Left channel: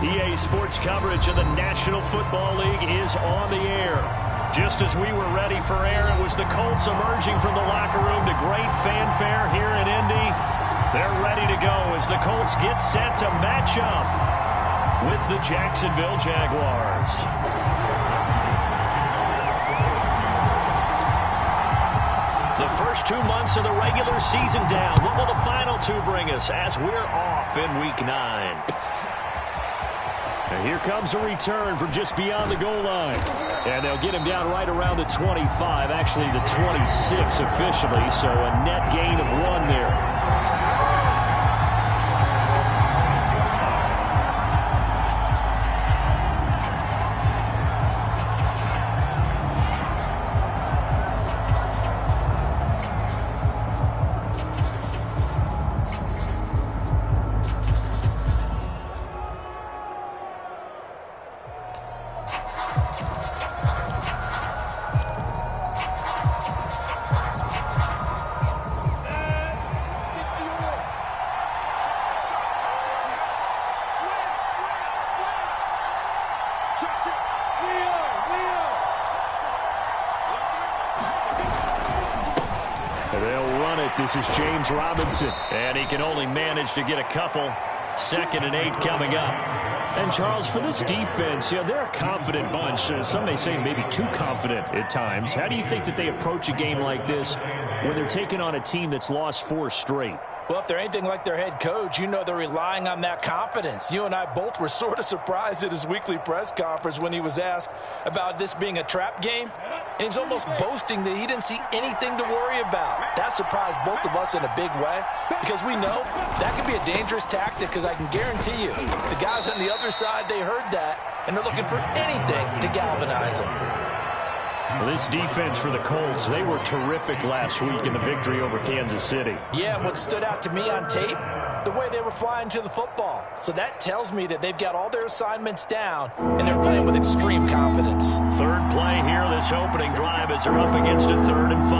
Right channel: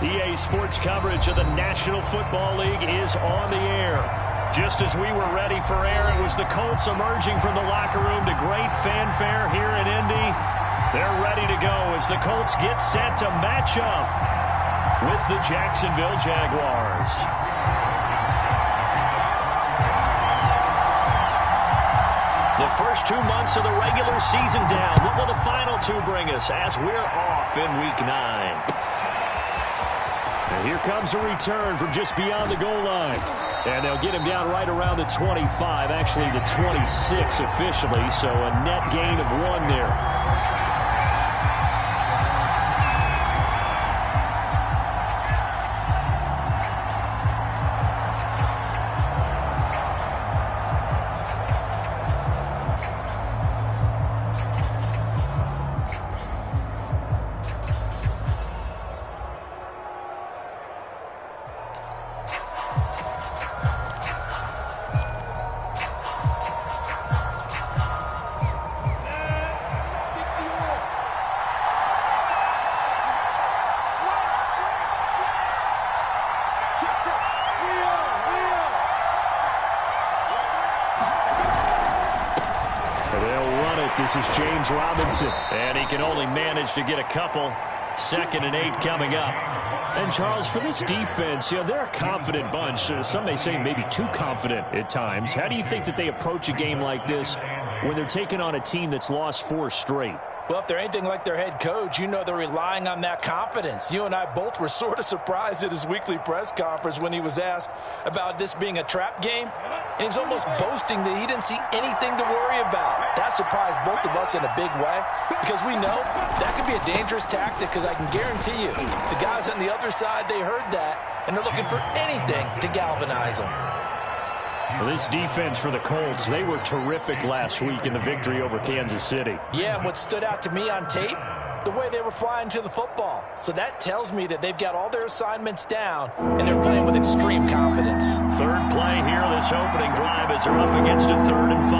EA Sports coverage of the National Football League is on the air. Just as we were ready for air, it was the Colts emerging from the locker room to great fanfare here in Indy. They're ready to go as the Colts get set to match up with the Jacksonville Jaguars. The first 2 months of the regular season down. What will the final two bring us as we're off in Week 9? And here comes a return from just beyond the goal line. And they'll get him down right around the 25, actually the 26 officially, so a net gain of 1 there. They'll run it. This is James Robinson. And he can only manage to get a couple. 2nd and 8 coming up. And, Charles, for this defense, they're a confident bunch. Some may say maybe too confident at times. How do you think that they approach a game like this when they're taking on a team that's lost 4 straight? Well, if they're anything like their head coach, they're relying on that confidence. You and I both were sort of surprised at his weekly press conference when he was asked about this being a trap game. And he's almost boasting that he didn't see anything to worry about. That surprised both of us in a big way because we know that could be a dangerous tactic because I can guarantee you the guys on the other side, they heard that, and they're looking for anything to galvanize them. Well, this defense for the Colts, they were terrific last week in the victory over Kansas City. Yeah, and what stood out to me on tape, the way they were flying to the football. So that tells me that they've got all their assignments down, and they're playing with extreme confidence. Third play here, this opening drive as they're up against a 3rd and 5.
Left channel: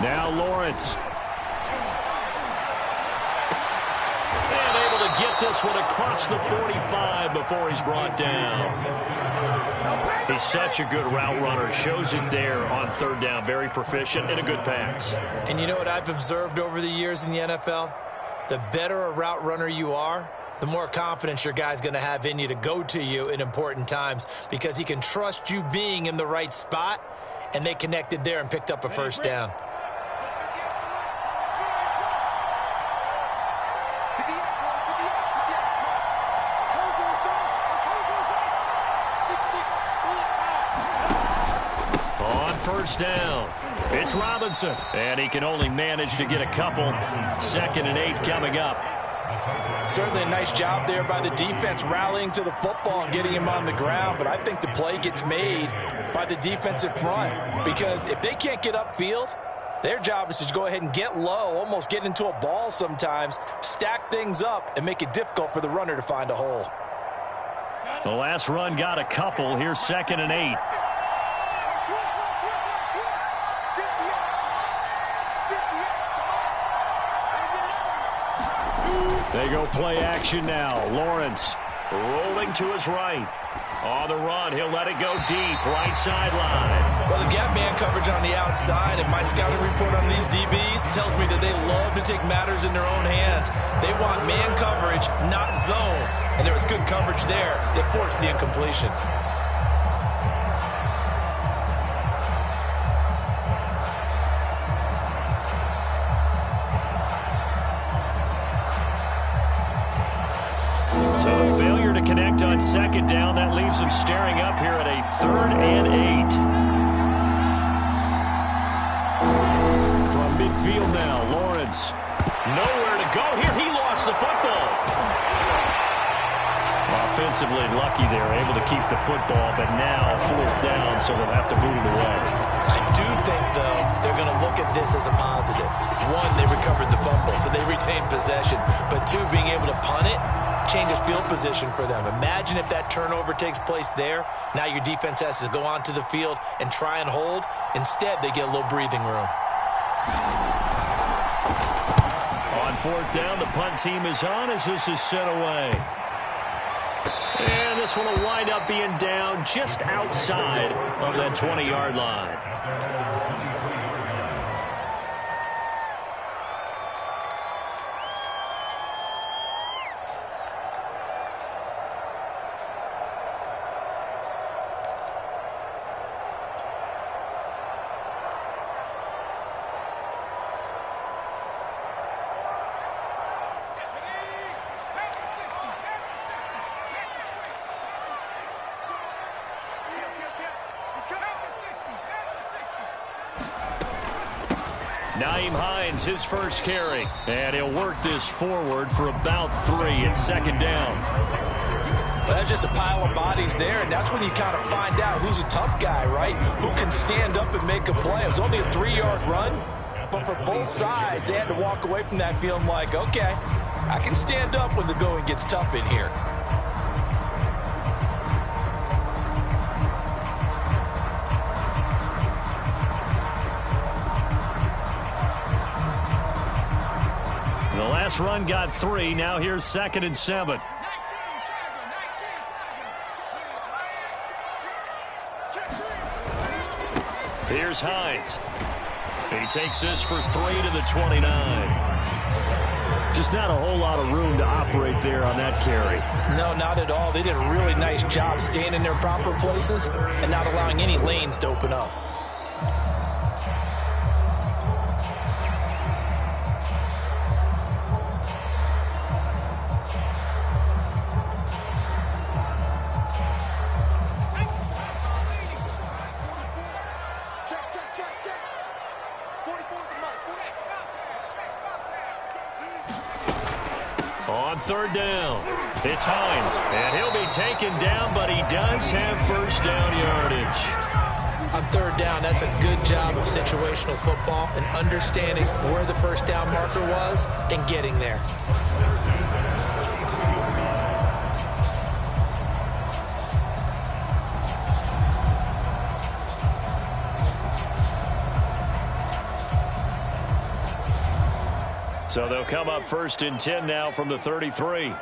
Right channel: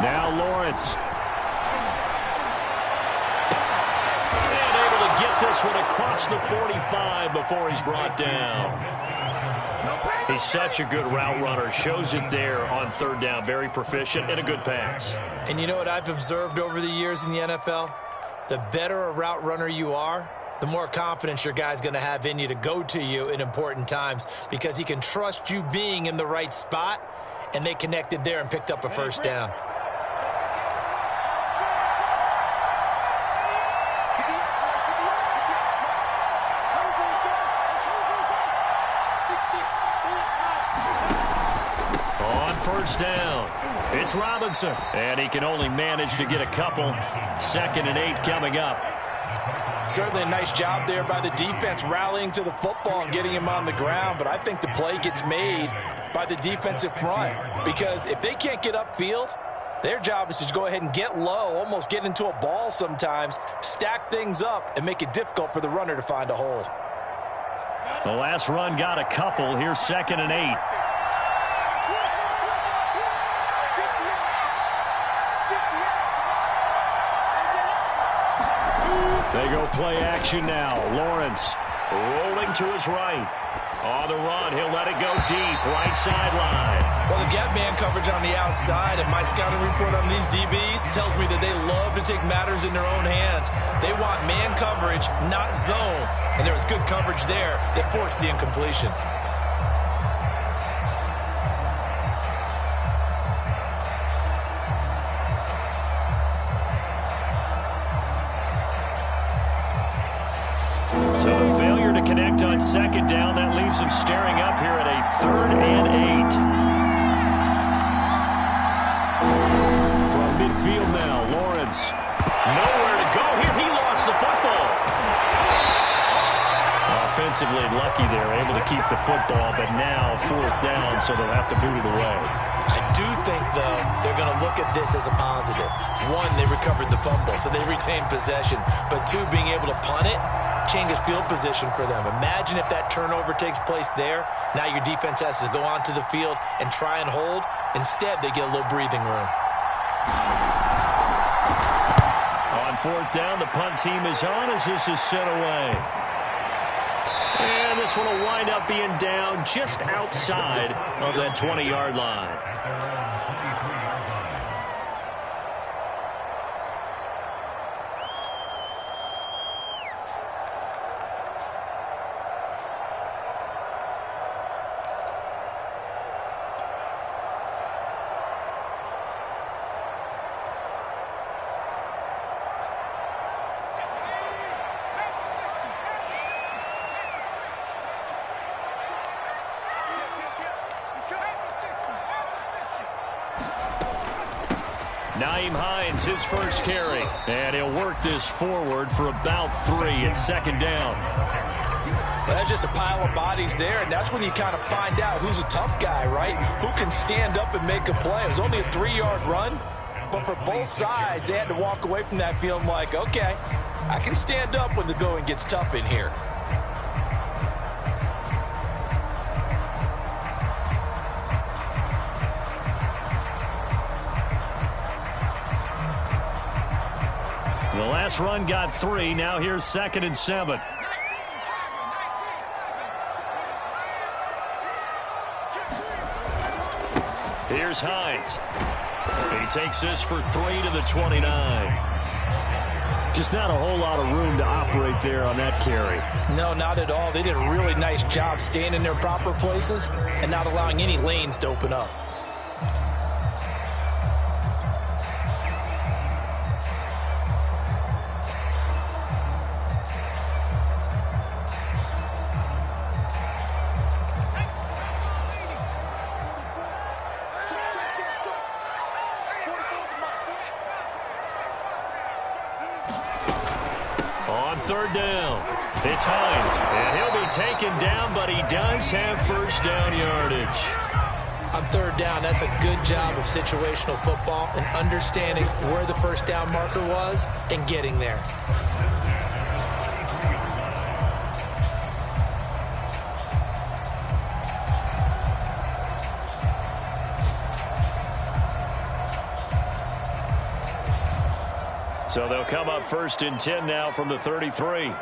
Now Lawrence. Get this one across the 45 before he's brought down. He's such a good route runner. Shows it there on 3rd down. Very proficient and a good pass. And you know what I've observed over the years in the NFL? The better a route runner you are, the more confidence your guy's going to have in you to go to you in important times because he can trust you being in the right spot, and they connected there and picked up a 1st down. On 1st down, it's Robinson, and he can only manage to get a couple. 2nd and 8 coming up. Certainly a nice job there by the defense rallying to the football and getting him on the ground, but I think the play gets made by the defensive front because if they can't get upfield, their job is to go ahead and get low, almost get into a ball sometimes, stack things up, and make it difficult for the runner to find a hole. The last run got a couple. Here's 2nd and 8. They go play action now. Lawrence rolling to his right. On the run, he'll let it go deep, right sideline. Well, they've got man coverage on the outside, and my scouting report on these DBs tells me that they love to take matters in their own hands. They want man coverage, not zone. And there was good coverage there that forced the incompletion. So a failure to connect on 2nd down. That leaves them staring up here at a 3rd and 8. From midfield now, Lawrence. Nowhere to go here. He lost the football. Offensively lucky there, able to keep the football, but now 4th down, so they'll have to boot it away. I do think, though, they're going to look at this as a positive. 1, they recovered the fumble, so they retained possession. But 2, being able to punt it, changes field position for them. Imagine if that turnover takes place there. Now your defense has to go onto the field and try and hold. Instead, they get a little breathing room. On fourth down, the punt team is on as this is sent away. And this one will wind up being down just outside of that 20-yard line. His first carry, and he'll work this forward for about 3 at second down. Well, that's just a pile of bodies there, and that's when you kind of find out who's a tough guy, right? Who can stand up and make a play. It was only a 3-yard run, but for both sides, they had to walk away from that feeling like, okay, I can stand up when the going gets tough in here. The last run got 3. Now here's 2nd and 7. Here's Hines. He takes this for 3 to the 29. Just not a whole lot of room to operate there on that carry. No, not at all. They did a really nice job staying in their proper places and not allowing any lanes to open up. On third down, it's Hines, and he'll be taken down, but he does have first down yardage. On third down, that's a good job of situational football and understanding where the first down marker was and getting there. So they'll come up 1st and 10 now from the 33.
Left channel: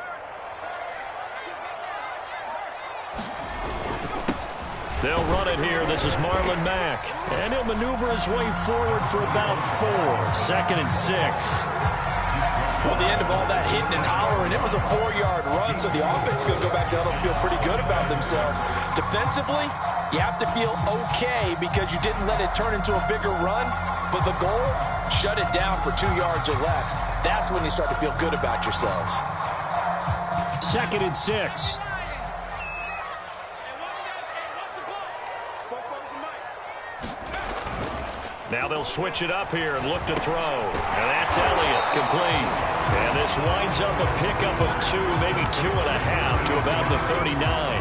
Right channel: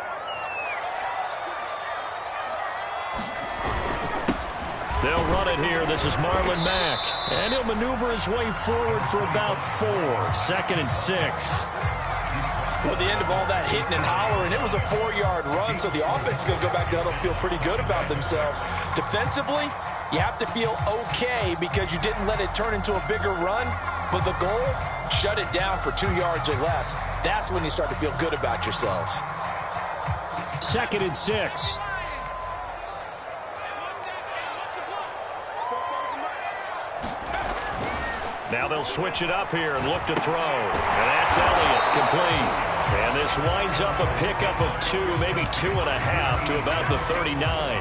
They'll run it here. This is Marlon Mack. And he'll maneuver his way forward for about 4. 2nd and 6. Well, the end of all that hitting and hollering, it was a 4-yard run, so the offense is going to go back down and feel pretty good about themselves. Defensively, you have to feel okay because you didn't let it turn into a bigger run, but the goal, shut it down for 2 yards or less. That's when you start to feel good about yourselves. 2nd and 6. Now they'll switch it up here and look to throw. And that's Elliott, complete. And this winds up a pickup of 2, maybe 2.5 to about the 39.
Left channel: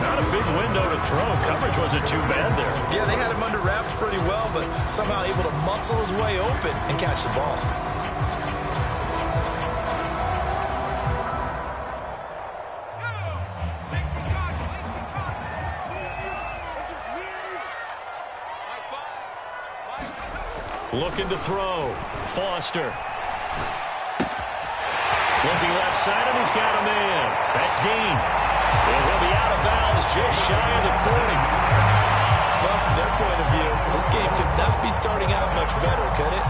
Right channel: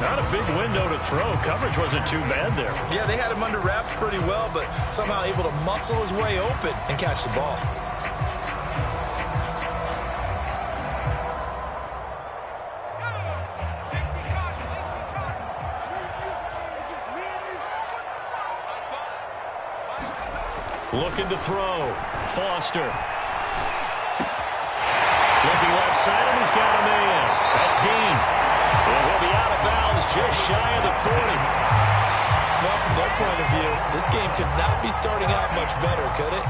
Not a big window to throw. Coverage wasn't too bad there. Yeah, they had him under wraps pretty well, but somehow able to muscle his way open and catch the ball. Looking to throw. Foster. Looking left side, and he's got a man. That's Dean. And he'll be out of bounds just shy of the 40. Well, from their point of view, this game could not be starting out much better, could it?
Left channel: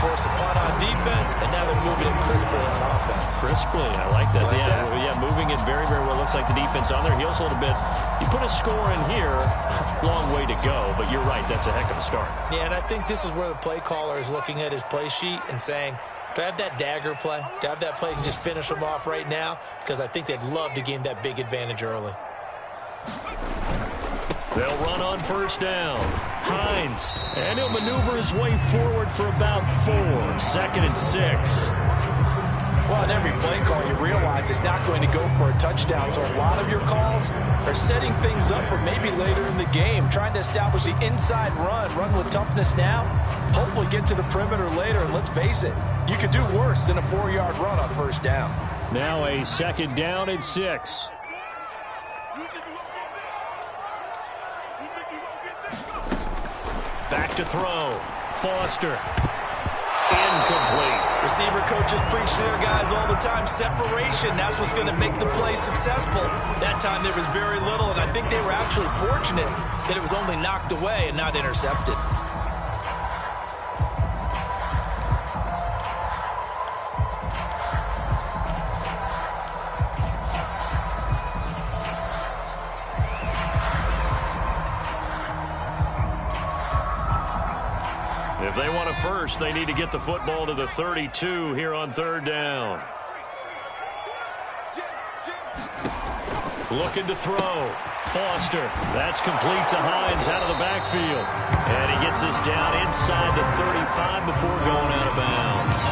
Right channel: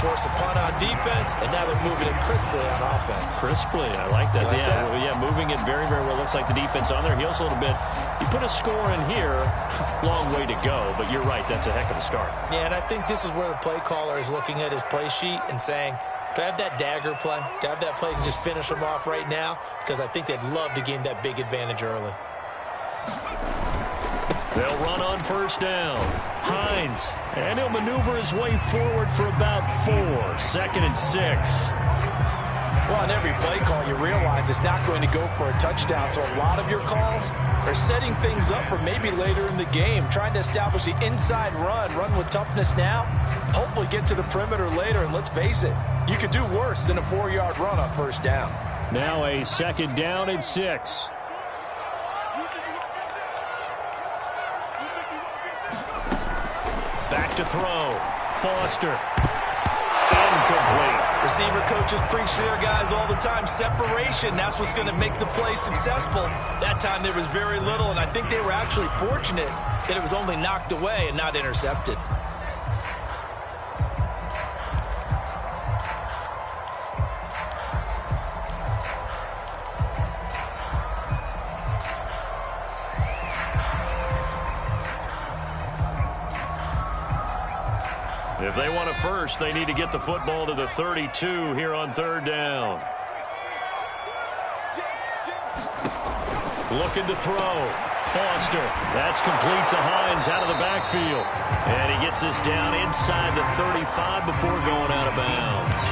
Force a punt on defense, and now they're moving it crisply on offense. Crisply, I like that. Like that? Yeah, moving it very, very well. Looks like the defense on their heels a little bit. You put a score in here, long way to go, but you're right, that's a heck of a start. Yeah, and I think this is where the play caller is looking at his play sheet and saying, do I have that dagger play? Do I have that play and just finish them off right now? Because I think they'd love to gain that big advantage early. They'll run on first down. Hines, and he'll maneuver his way forward for about 4. 2nd and 6. Well, in every play call, you realize it's not going to go for a touchdown, so a lot of your calls are setting things up for maybe later in the game, trying to establish the inside run with toughness now, hopefully get to the perimeter later, and let's face it, you could do worse than a 4-yard run on first down. Now a 2nd down and 6. Back to throw. Foster. Incomplete. Receiver coaches preach to their guys all the time. Separation, that's what's going to make the play successful. That time there was very little, and I think they were actually fortunate that it was only knocked away and not intercepted. If they want a first, they need to get the football to the 32 here on 3rd down. Looking to throw. Foster. That's complete to Hines out of the backfield. And he gets this down inside the 35 before going out of bounds.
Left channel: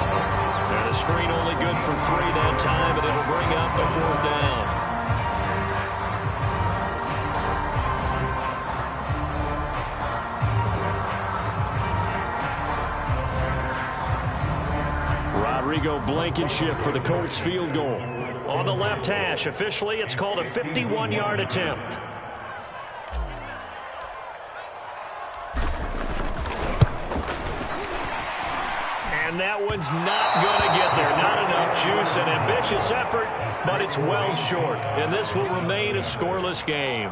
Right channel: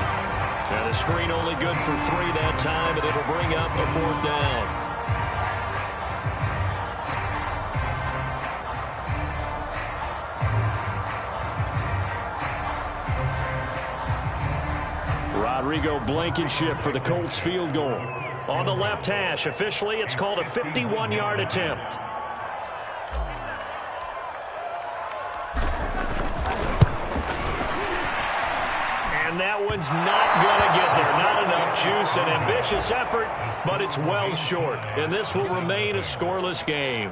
And the screen only good for 3 that time, and it'll bring up a 4th down. Rodrigo Blankenship for the Colts field goal. On the left hash, officially it's called a 51-yard attempt. And that one's not going to get there. Not enough juice, an ambitious effort, but it's well short. And this will remain a scoreless game.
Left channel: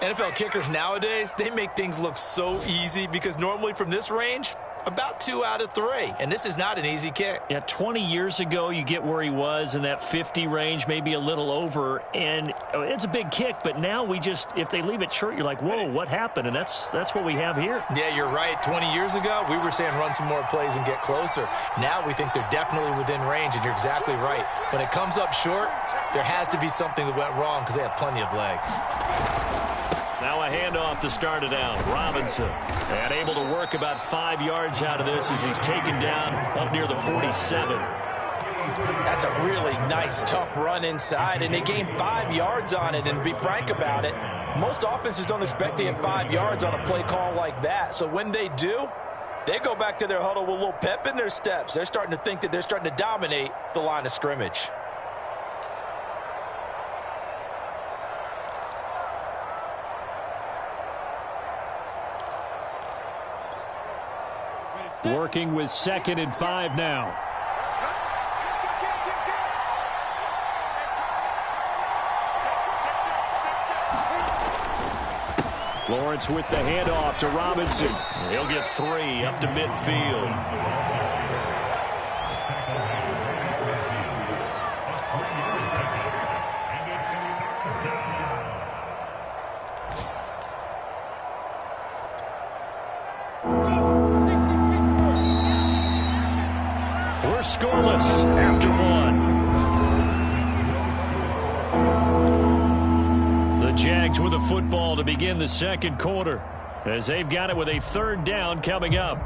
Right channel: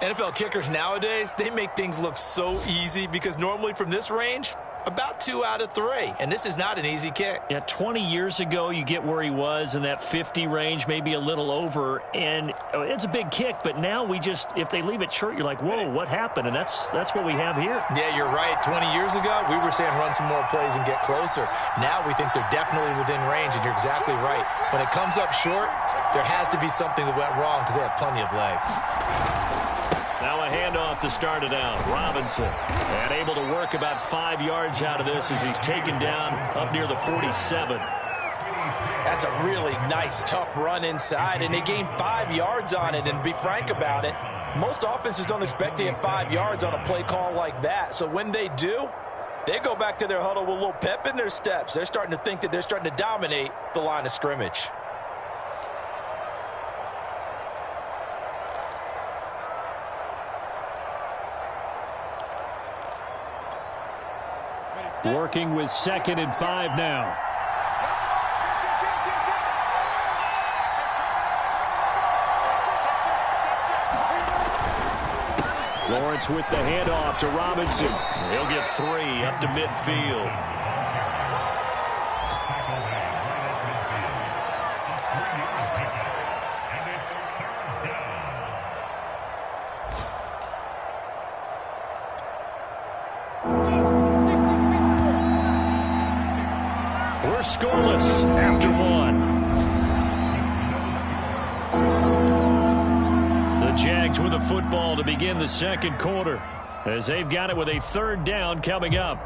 NFL kickers nowadays, they make things look so easy because normally from this range, about 2 out of 3, and this is not an easy kick. Yeah, 20 years ago, you get where he was in that 50 range, maybe a little over, and it's a big kick, but now we just, if they leave it short, you're like, whoa, what happened? And that's what we have here. Yeah, you're right. 20 years ago, we were saying run some more plays and get closer. Now we think they're definitely within range, and you're exactly right. When it comes up short, there has to be something that went wrong because they have plenty of leg. Now a handoff to start it out. Robinson. And able to work about 5 yards out of this as he's taken down up near the 47. That's a really nice, tough run inside, and they gained 5 yards on it. And to be frank about it, most offenses don't expect to get 5 yards on a play call like that. So when they do, they go back to their huddle with a little pep in their steps. They're starting to think that they're starting to dominate the line of scrimmage. Working with 2nd and 5 now. Lawrence with the handoff to Robinson. He'll get 3 up to midfield. Scoreless after 1. The Jags with the football to begin the 2nd quarter as they've got it with a 3rd down coming up.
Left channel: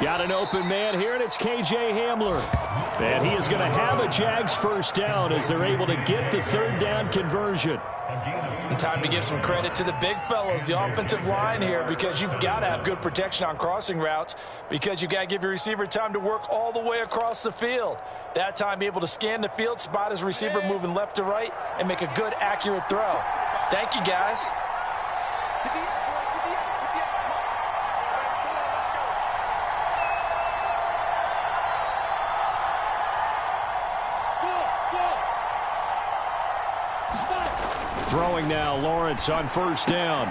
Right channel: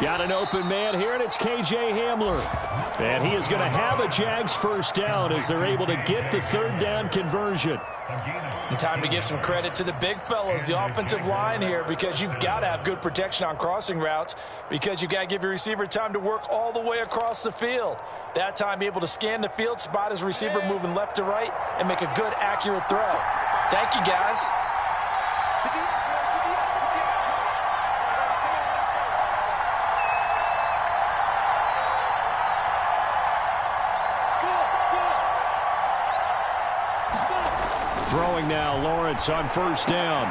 Got an open man here, and it's K.J. Hamler. And he is going to have a Jags 1st down as they're able to get the 3rd down conversion. And time to give some credit to the big fellas, the offensive line here, because you've got to have good protection on crossing routes because you've got to give your receiver time to work all the way across the field. That time, be able to scan the field, spot his receiver moving left to right, and make a good, accurate throw. Thank you, guys. Throwing now, Lawrence on 1st down.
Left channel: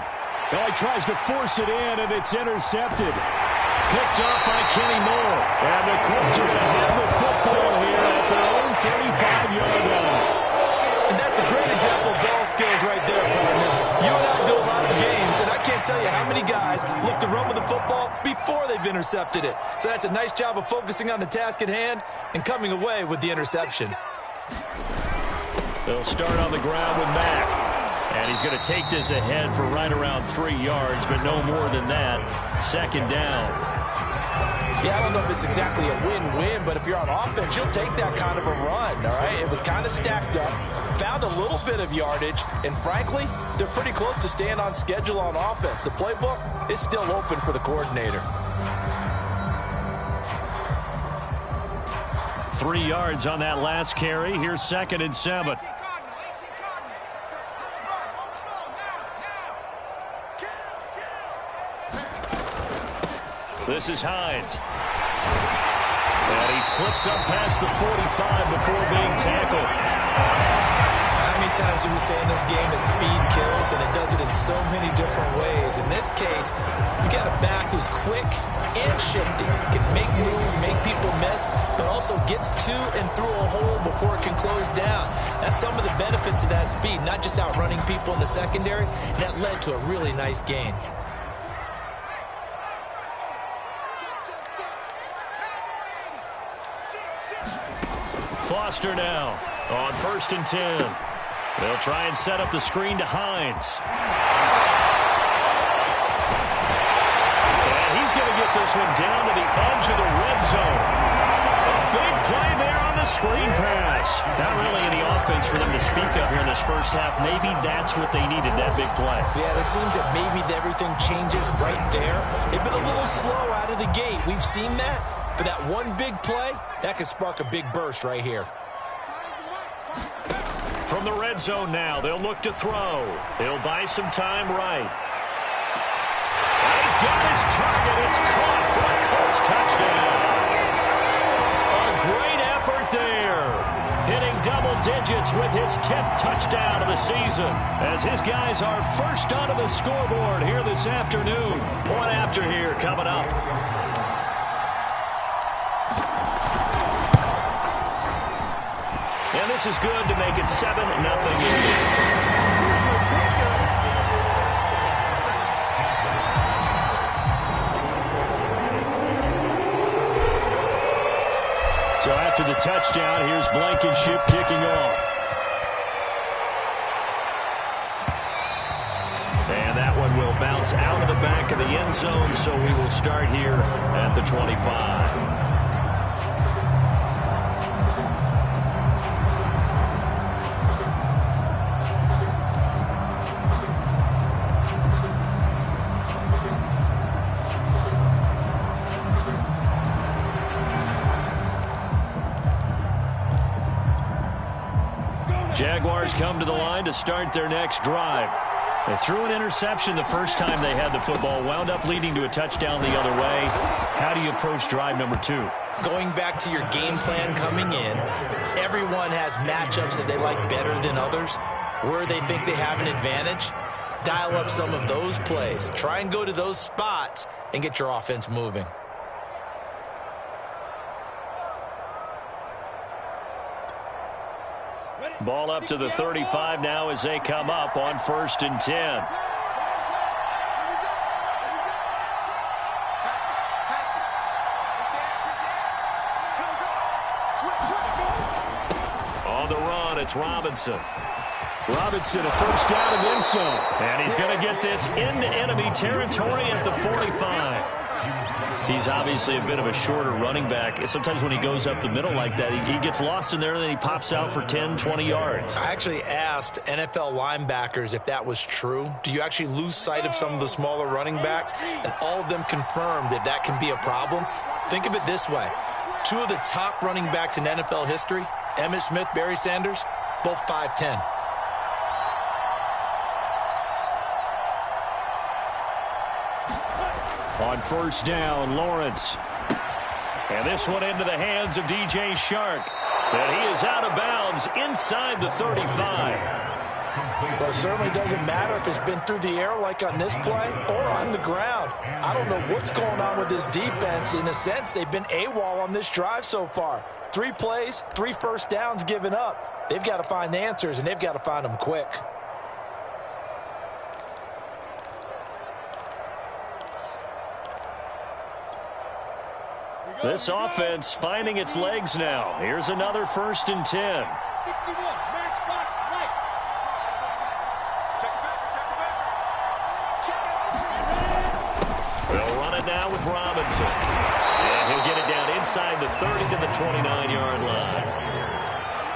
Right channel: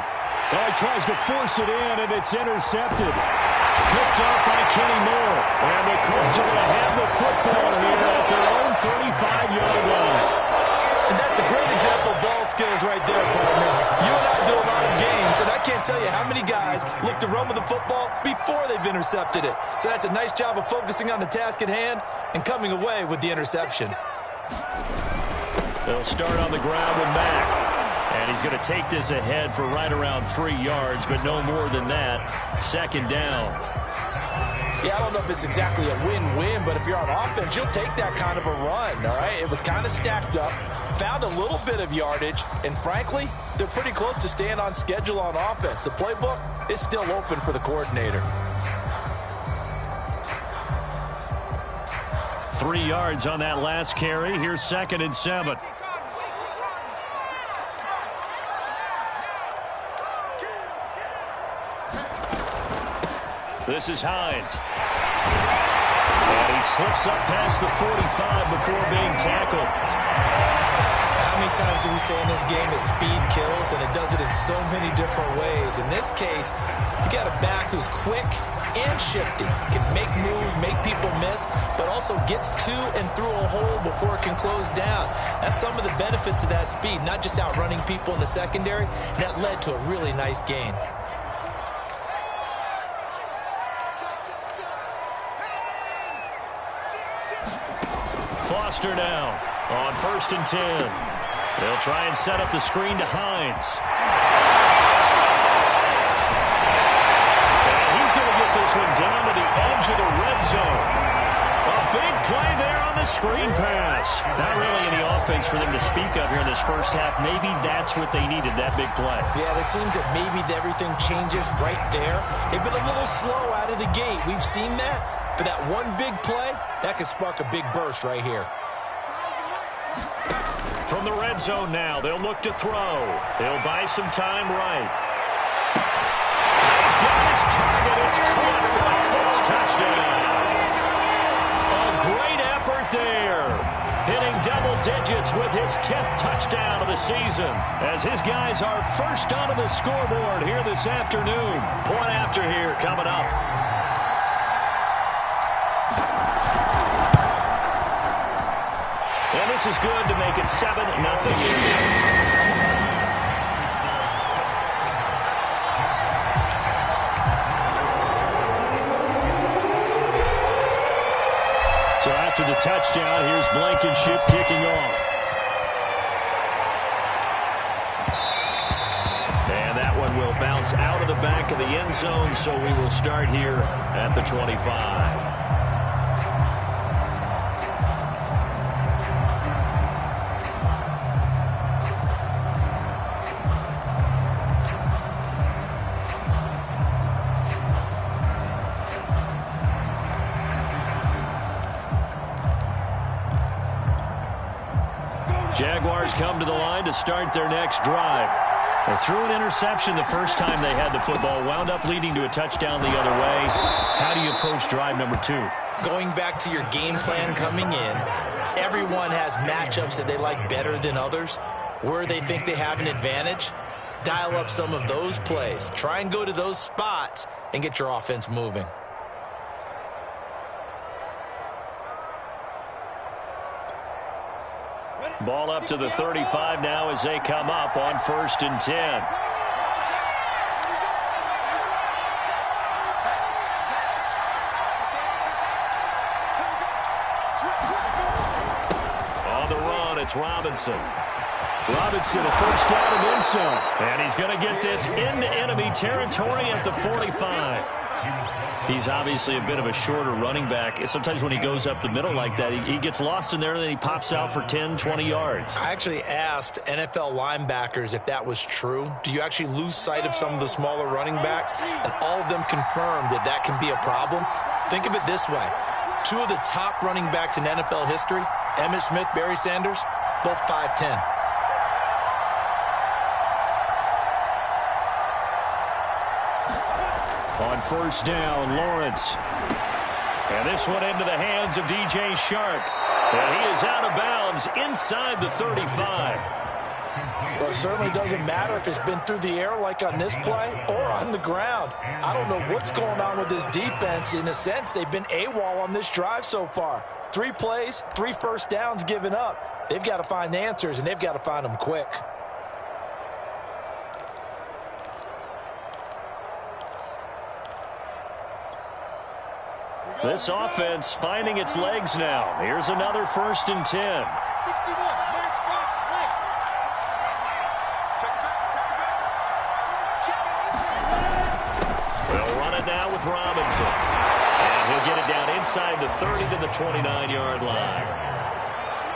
Oh, he tries to force it in, and it's intercepted. Picked up by Kenny Moore. And the Colts are going to have the football here at their own 35-yard line. And that's a great example of ball skills right there, partner. You and I do a lot of games, and I can't tell you how many guys look to run with the football before they've intercepted it. So that's a nice job of focusing on the task at hand and coming away with the interception. They'll start on the ground with Mack. And he's going to take this ahead for right around 3 yards, but no more than that. Second down. Yeah, I don't know if it's exactly a win-win, but if you're on offense, you'll take that kind of a run, all right? It was kind of stacked up, found a little bit of yardage, and frankly, they're pretty close to staying on schedule on offense. The playbook is still open for the coordinator. 3 yards on that last carry. Here's 2nd and 7. This is Hines. And he slips up past the 45 before being tackled. How many times do we say in this game that speed kills, and it does it in so many different ways? In this case, you got a back who's quick and shifty, can make moves, make people miss, but also gets to and through a hole before it can close down. That's some of the benefits of that speed, not just outrunning people in the secondary. And that led to a really nice gain. Foster now on 1st and 10. They'll try and set up the screen to Hines. And he's going to get this one down to the edge of the red zone. A big play there on the screen pass. Not really any offense for them to speak of here in this first half. Maybe that's what they needed, that big play. Yeah, it seems that maybe everything changes right there. They've been a little slow out of the gate. We've seen that. But that one big play, that could spark a big burst right here. From the red zone now, they'll look to throw. They'll buy some time right. He's got his target. It's caught for a Colts touchdown. A great effort there. Hitting double digits with his 10th touchdown of the season. As his guys are first onto the scoreboard here this afternoon. Point after here coming up. And this is good to make it 7-0. So after the touchdown, here's Blankenship kicking off. And that one will bounce out of the back of the end zone, so we will start here at the 25. Jaguars come to the line to start their next drive. They threw an interception the first time they had the football, wound up leading to a touchdown the other way. How do you approach drive number 2? Going back to your game plan coming in, everyone has matchups that they like better than others, where they think they have an advantage. Dial up some of those plays. Try and go to those spots and get your offense moving. Ball up to the 35 now as they come up on 1st and 10. On the run, it's Robinson. Robinson, a first down and then some. And he's going to get this into enemy territory at the 45. He's obviously a bit of a shorter running back. Sometimes when he goes up the middle like that, he gets lost in there and then he pops out for 10, 20 yards. I actually asked NFL linebackers if that was true. Do you actually lose sight of some of the smaller running backs? And all of them confirmed that that can be a problem. Think of it this way. 2 of the top running backs in NFL history, Emmitt Smith, Barry Sanders, both 5'10". On first down, Lawrence. And this one into the hands of DJ Shark. And he is out of bounds inside the 35. Well, it certainly doesn't matter if it's been through the air like on this play or on the ground. I don't know what's going on with this defense. In a sense, they've been AWOL on this drive so far. 3 plays, 3 first downs given up. They've got to find the answers, and they've got to find them quick. This offense finding its legs now. Here's another 1st and 10. 61, match box shotgun now with Robinson. And he'll get it down inside the 30 to the 29-yard line.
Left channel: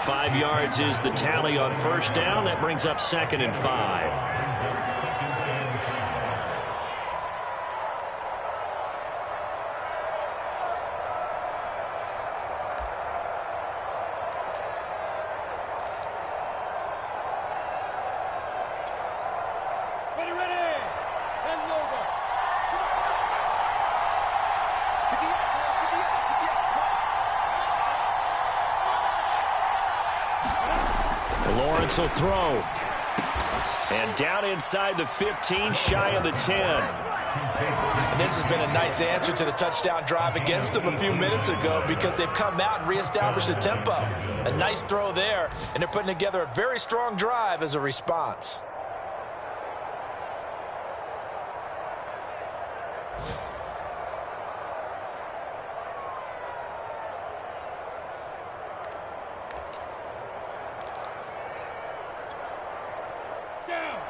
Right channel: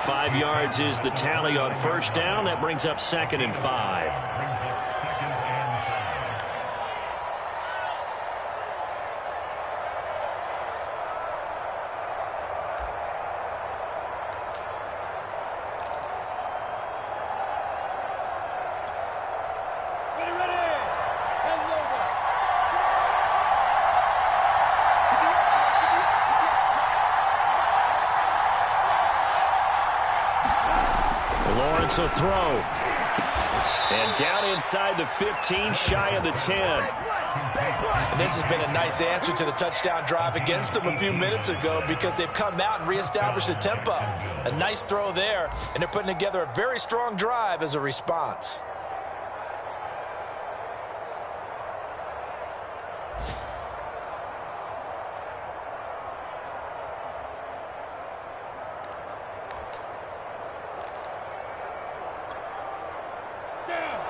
5 yards is the tally on first down. That brings up 2nd and 5. Lawrence will throw. And down inside the 15, shy of the 10. And this has been a nice answer to the touchdown drive against them a few minutes ago because they've come out and reestablished the tempo. A nice throw there, and they're putting together a very strong drive as a response.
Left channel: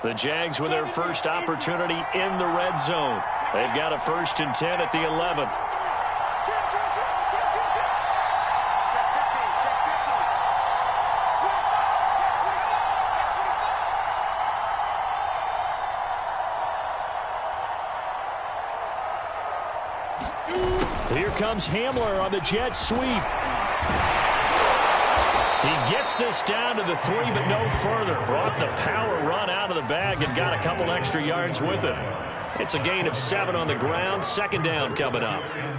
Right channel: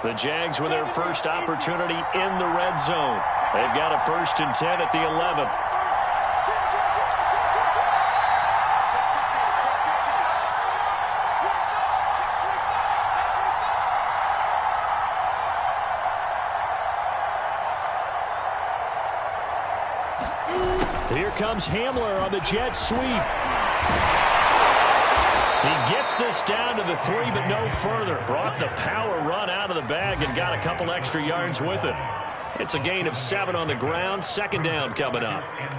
The Jags with their first opportunity in the red zone. They've got a 1st and 10 at the 11. Here comes Hamler on the jet sweep. He gets this down to the 3, but no further. Brought the power run out of the bag and got a couple extra yards with it. It's a gain of 7 on the ground. 2nd down coming up. Here we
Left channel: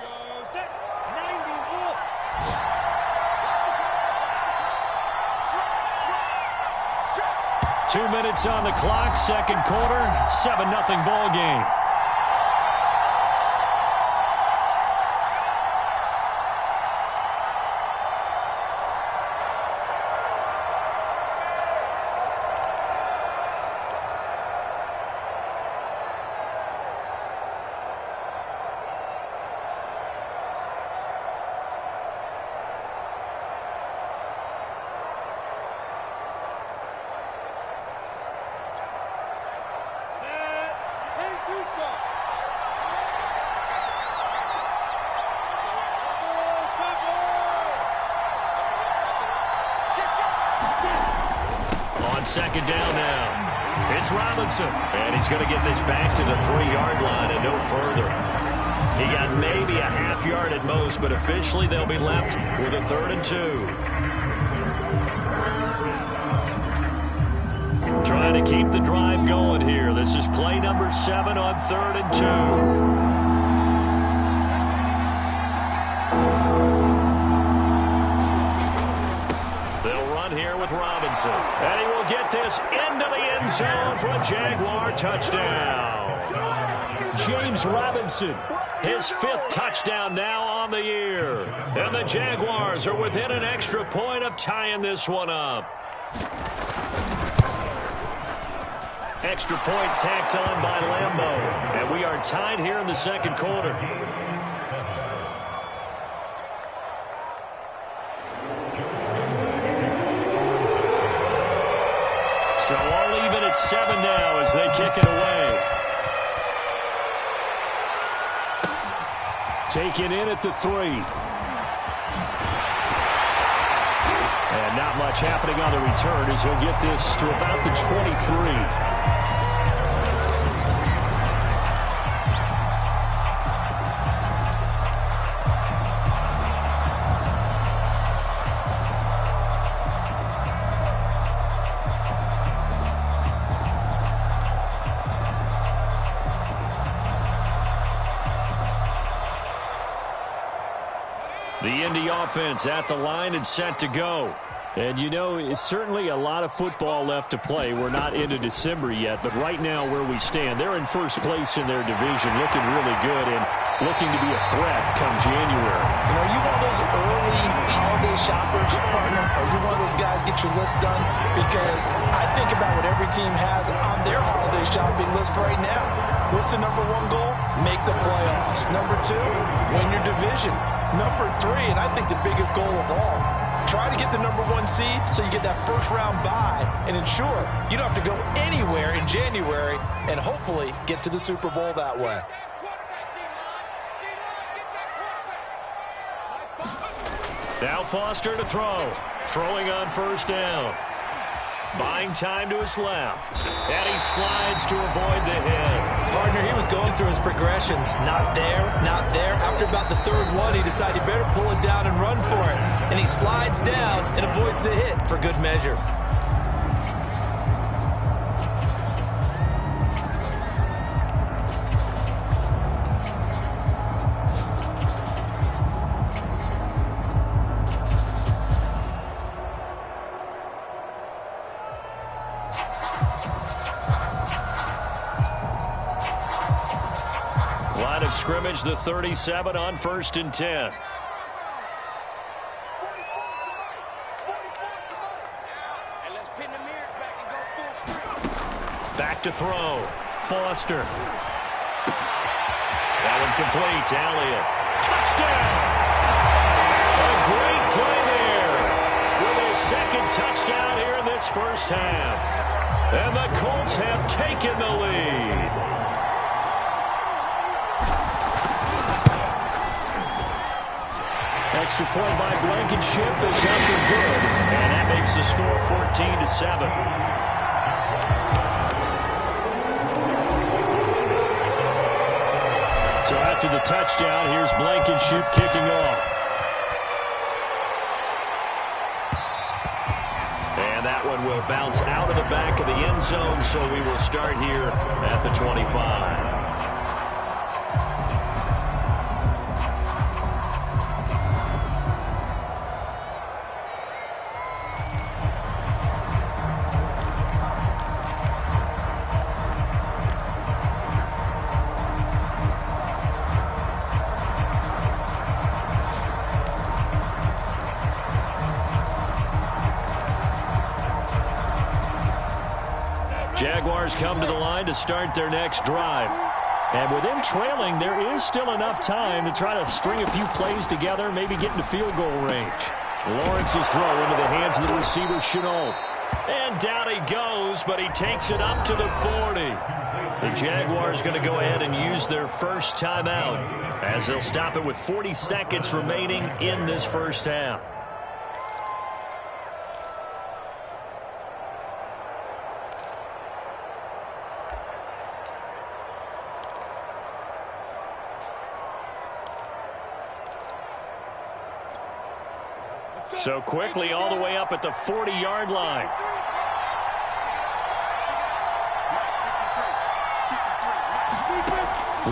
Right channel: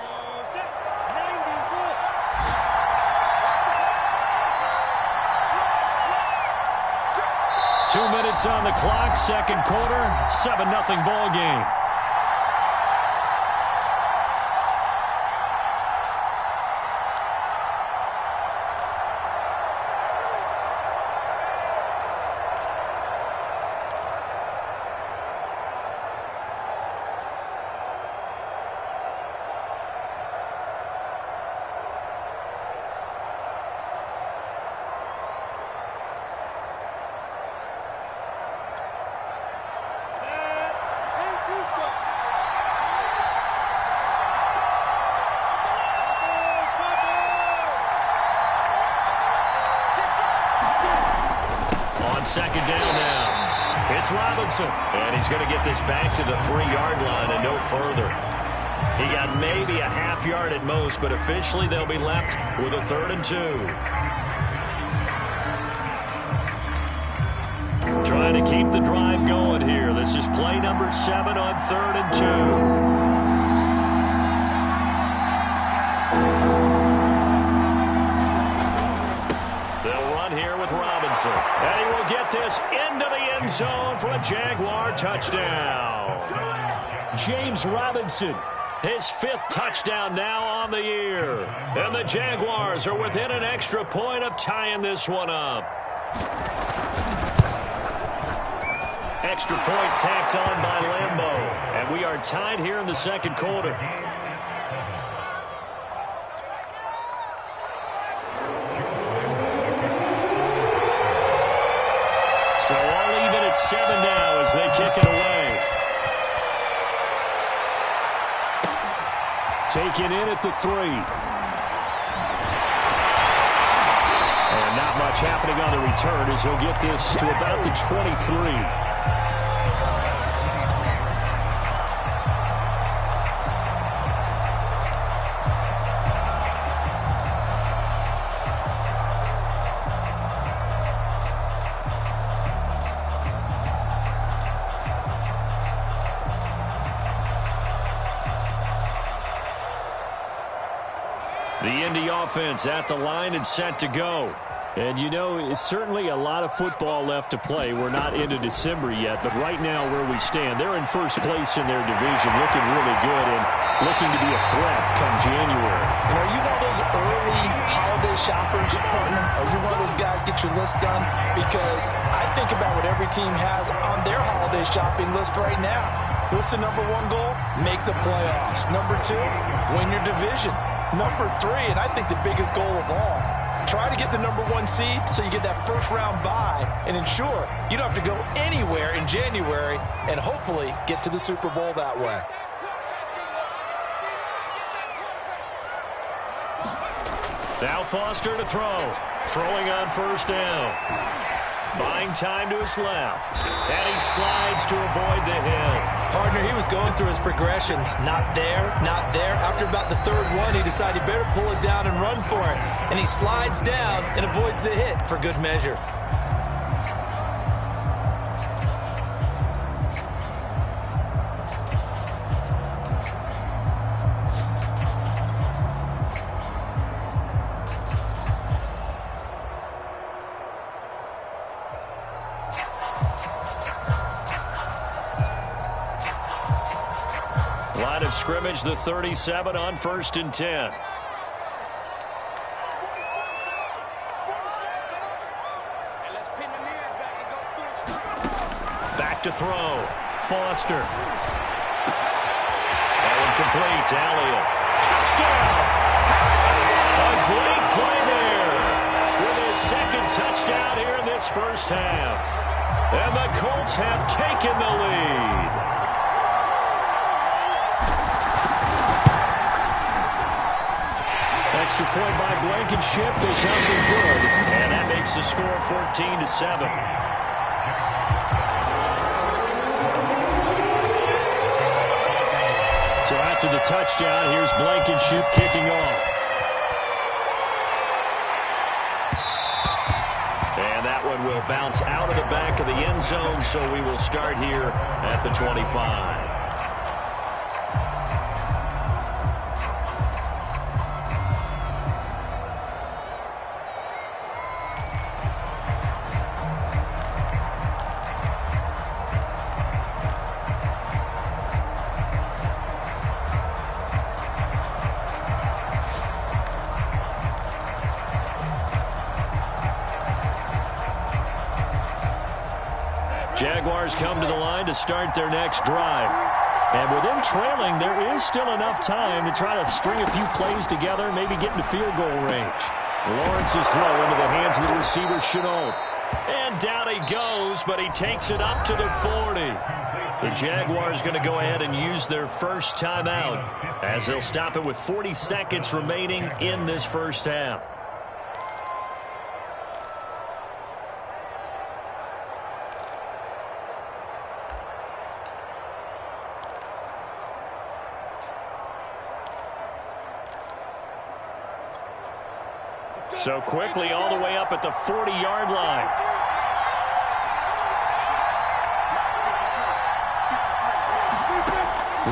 go. Set. 90. Full. 2 minutes on the clock. 2nd quarter. 7-0 ball game. On 2nd down now, it's Robinson. And he's going to get this back to the 3-yard line and no further. He got maybe a half yard at most, but officially they'll be left with a 3rd and 2. Trying to keep the drive going here. This is play number 7 on 3rd and 2. Here with Robinson. And he will get this into the end zone for a Jaguar touchdown. James Robinson, his 5th touchdown now on the year. And the Jaguars are within an extra point of tying this one up. Extra point tacked on by Lambeau. And we are tied here in the 2nd quarter. So all even at 7 now as they kick it away. Taken in at the 3. And not much happening on the return as he'll get this to about the 23. The Indy offense at the line and set to go. And, you know, it's certainly a lot of football left to play. We're not into December yet, but right now where we stand, they're in first place in their division, looking really good and looking to be a threat come January. And are you one of those early holiday shoppers, partner? Are you one of those guys get your list done? Because I think about what every team has on their holiday shopping list right now. What's the #1 goal? Make the playoffs. #2, win your division. Number 3, and I think the biggest goal of all, try to get the number 1 seed so you get that first round bye and ensure you don't have to go anywhere in January and hopefully get to the Super Bowl that way. Now Foster to throw. Throwing on first down. Buying time to his left. And he slides to avoid the hit. Partner, he was going through his progressions. Not there, not there. After about the third one, he decided he better pull it down and run for it. And he slides down and avoids the hit for good measure. Line of scrimmage, the 37 on 1st and 10. Back to throw. Foster. That one complete. Elliott. Touchdown! A great play there with his second touchdown here in this first half. And the Colts have taken the lead. Extra point by Blankenship is nothing good, and that makes the score 14-7. So after the touchdown, here's Blankenship kicking off. And that one will bounce out of the back of the end zone, so we will start here at the 25. Jaguars come to the line to start their next drive. And with them trailing, there is still enough time to try to string a few plays together, maybe get into field goal range. Lawrence's throw into the hands of the receiver, Shenault. And down he goes, but he takes it up to the 40. The Jaguars going to go ahead and use their first timeout as they'll stop it with 40 seconds remaining in this first half. So quickly all the way up at the 40-yard line.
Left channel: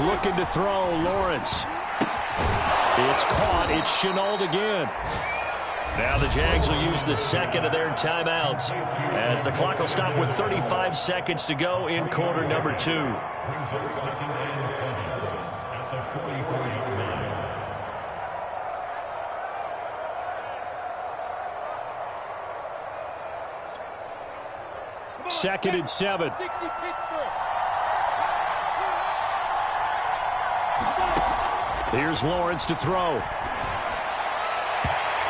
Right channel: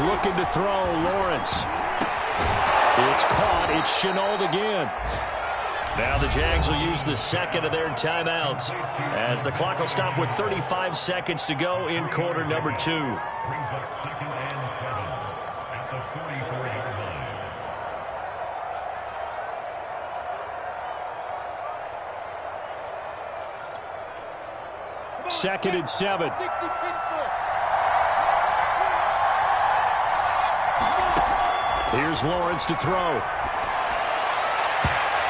Looking to throw, Lawrence. It's caught. It's Shenault again. Now the Jags will use the second of their timeouts as the clock will stop with 35 seconds to go in quarter number 2. Second and 7. Here's Lawrence to throw.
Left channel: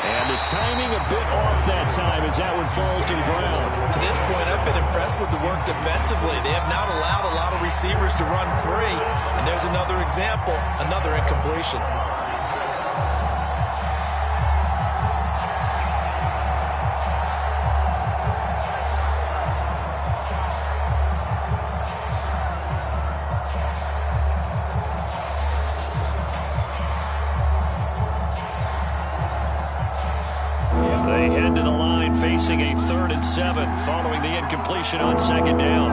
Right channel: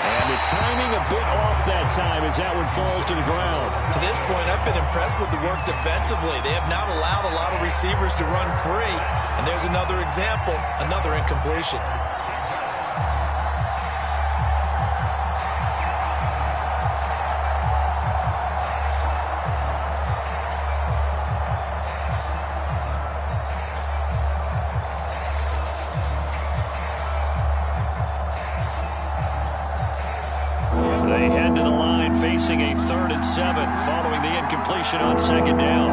And the timing a bit off that time as that one falls to the ground. To this point, I've been impressed with the work defensively. They have not allowed a lot of receivers to run free. And there's another example, another incompletion. They head to the line facing a 3rd and 7 following the incompletion on second down.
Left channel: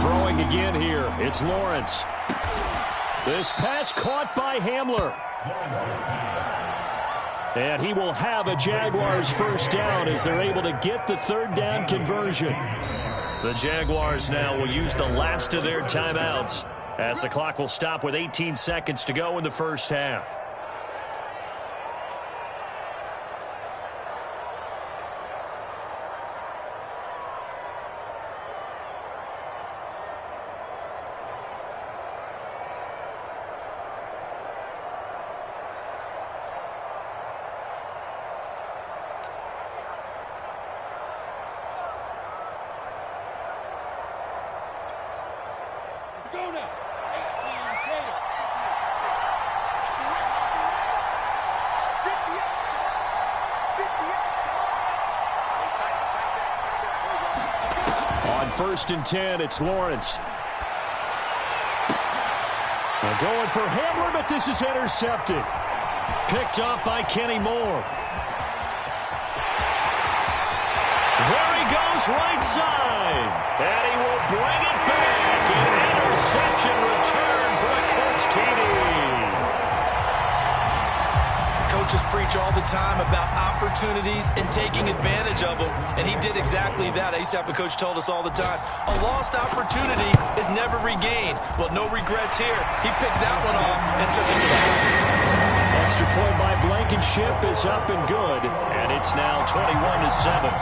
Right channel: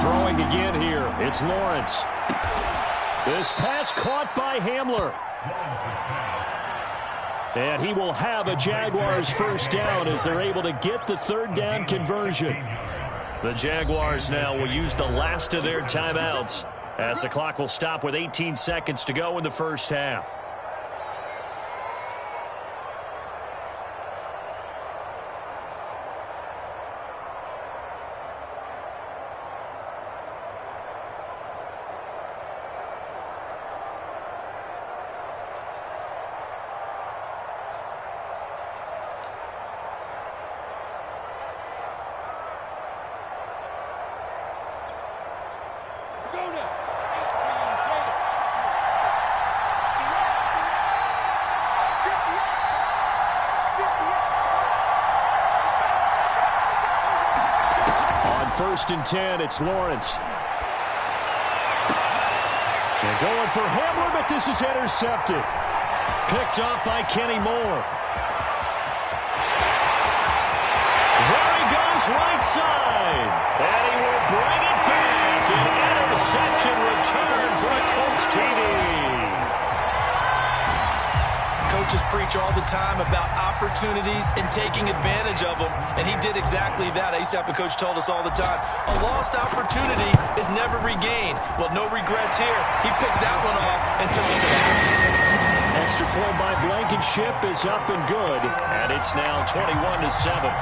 Throwing again here. It's Lawrence. This pass caught by Hamler. And he will have a Jaguars first down as they're able to get the 3rd down conversion. The Jaguars now will use the last of their timeouts as the clock will stop with 18 seconds to go in the first half. Let's go now. 18 Gator. 58. On 1st and 10, it's Lawrence. They're going for Hamler, but this is intercepted. Picked off by Kenny Moore. There he goes, right side. And he will bring it back. An interception return for a Colts TD. Coaches preach all the time about opportunities and taking advantage of them, and he did exactly that. I used to have a coach told us all the time, a lost opportunity is never regained. Well, no regrets here. He picked that one off and took it to the house. Extra point by Blankenship is up and good, and it's now 21-7.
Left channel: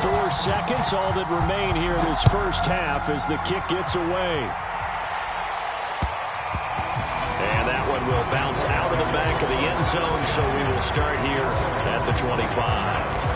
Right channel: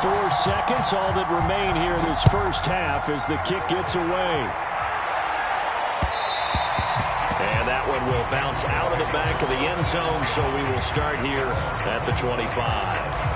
4 seconds, all that remain here this first half as the kick gets away. And that one will bounce out of the back of the end zone, so we will start here at the 25.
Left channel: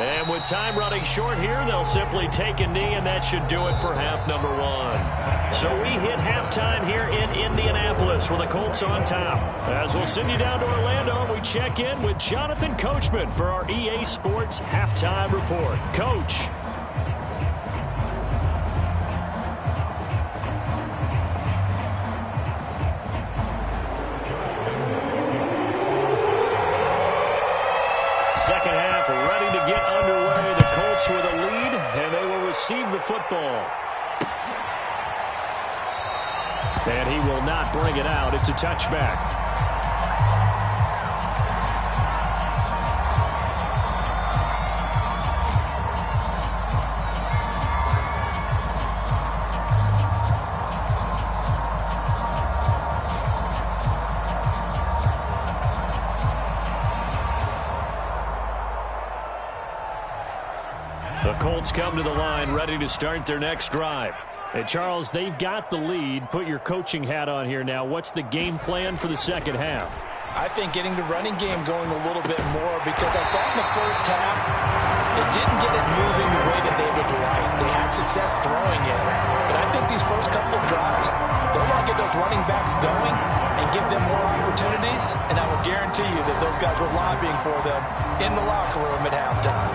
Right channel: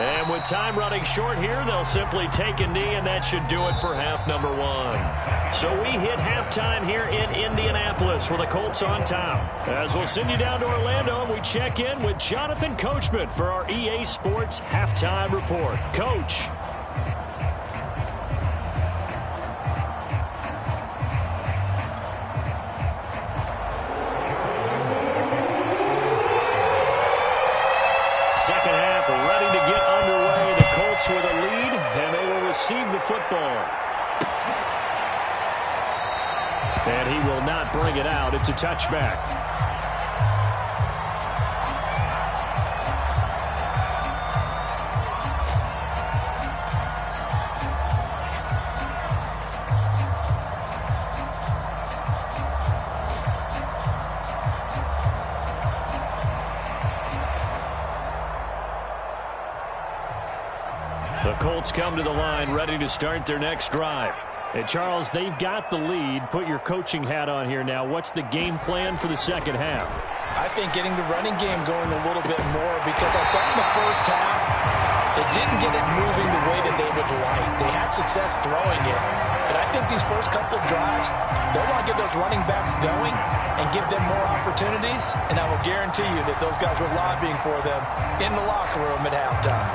And with time running short here, they'll simply take a knee, and that should do it for half number 1. So we hit halftime here in Indianapolis with the Colts on top. As we'll send you down to Orlando, and we check in with Jonathan Coachman for our EA Sports Halftime Report. Coach. Second half ready to get underway. The Colts with a lead, and they will receive the football. And he will not bring it out. It's a touchback. The Colts come to the line ready to start their next drive. And Charles, they've got the lead. Put your coaching hat on here now. What's the game plan for the second half? I think getting the running game going a little bit more, because I thought in the first half it didn't get it moving the way that they would like. They had success throwing it, but I think these first couple of drives, they'll want to get those running backs going and give them more opportunities, and I will guarantee you that those guys were lobbying for them in the locker room at halftime.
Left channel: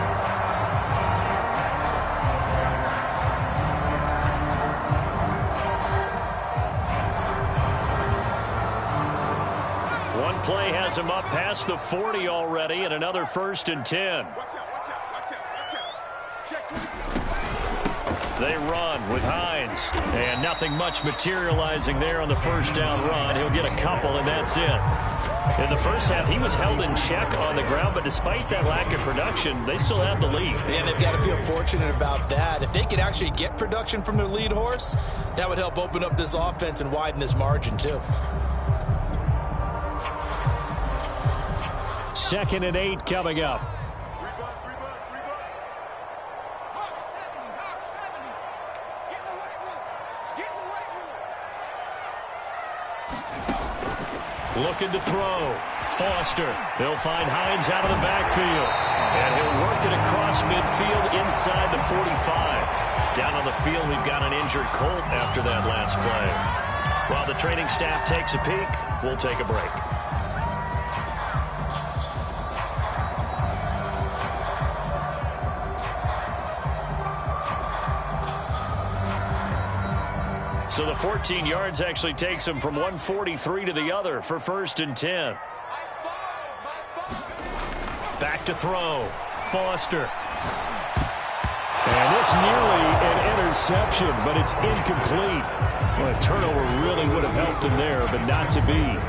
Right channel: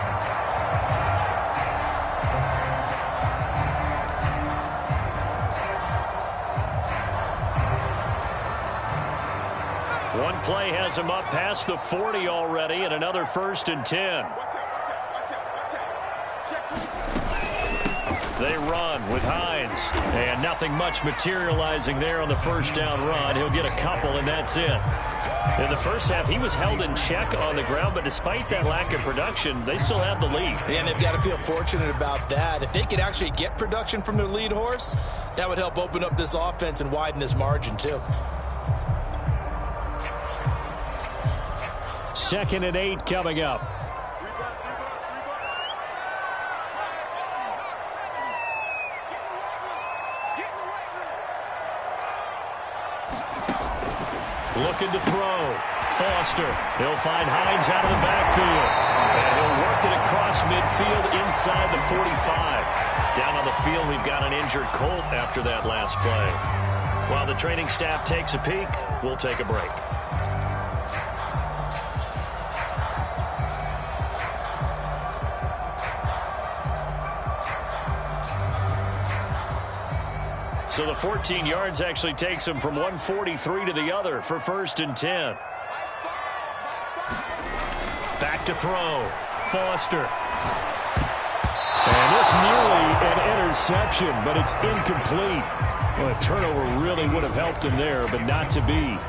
One play has him up past the 40 already, and another 1st and 10. They run with Hines, and nothing much materializing there on the first down run. He'll get a couple, and that's it. In the first half, he was held in check on the ground, but despite that lack of production, they still have the lead. And they've got to feel fortunate about that. If they could actually get production from their lead horse, that would help open up this offense and widen this margin, too. 2nd and 8 coming up. Looking to throw. Foster. He'll find Hines out of the backfield. And he'll work it across midfield inside the 45. Down on the field, we've got an injured Colt after that last play. While the training staff takes a peek, we'll take a break. So the 14 yards actually takes him from 143 to the other for 1st and 10. Back to throw. Foster. And this nearly an interception, but it's incomplete. Well, a turnover really would have helped him there, but not to be.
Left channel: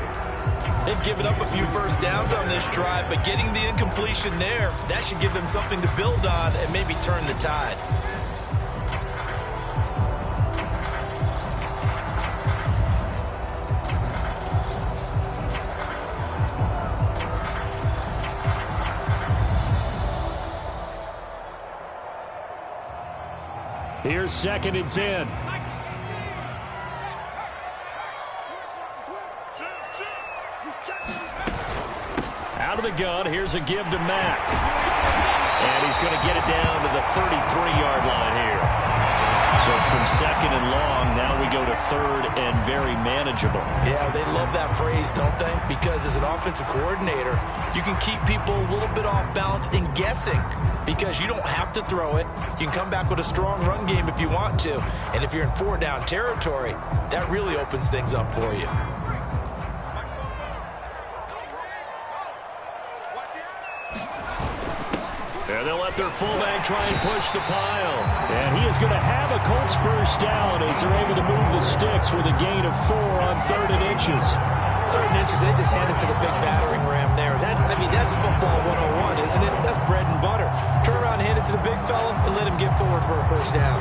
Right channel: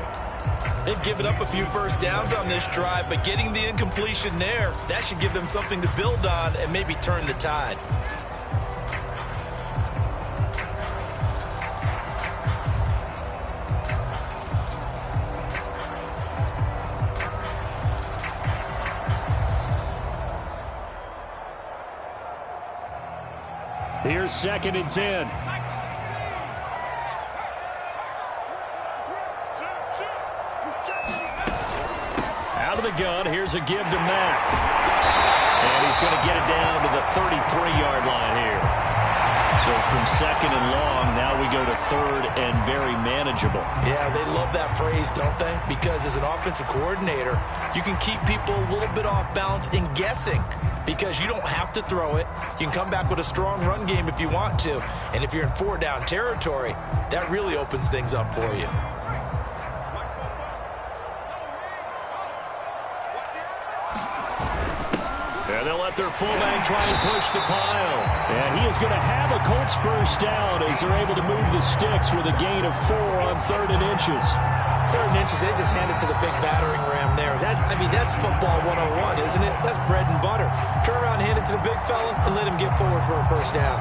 They've given up a few first downs on this drive, but getting the incompletion there, that should give them something to build on and maybe turn the tide. Here's 2nd and 10. the gun. Here's a give to Mack. And he's going to get it down to the 33-yard line here. So from second and long, now we go to third and very manageable. Yeah, they love that phrase, don't they? Because as an offensive coordinator, you can keep people a little bit off balance and guessing because you don't have to throw it. You can come back with a strong run game if you want to. And if you're in four-down territory, that really opens things up for you. And they'll let their fullback try and push the pile. And he is going to have a Colts first down as they're able to move the sticks with a gain of 4 on 3rd and inches. 3rd and inches, they just hand it to the big battering ram there. That's football 101, isn't it? That's bread and butter. Turn around and hand it to the big fella and let him get forward for a first down.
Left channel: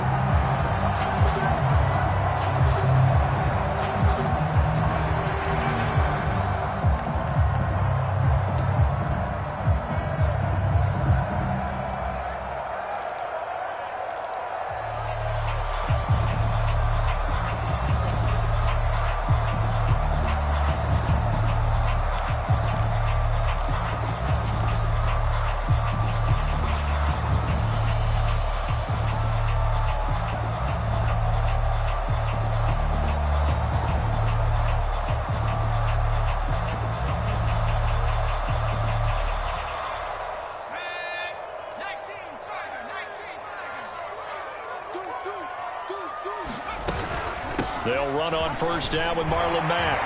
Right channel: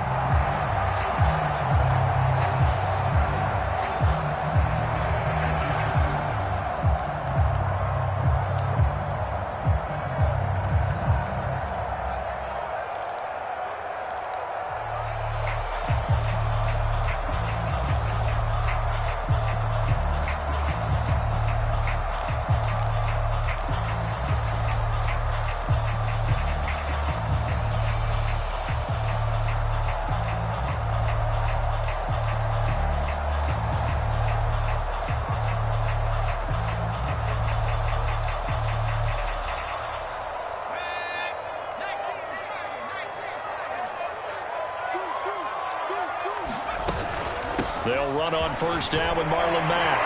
They'll run on first down with Marlon Mack.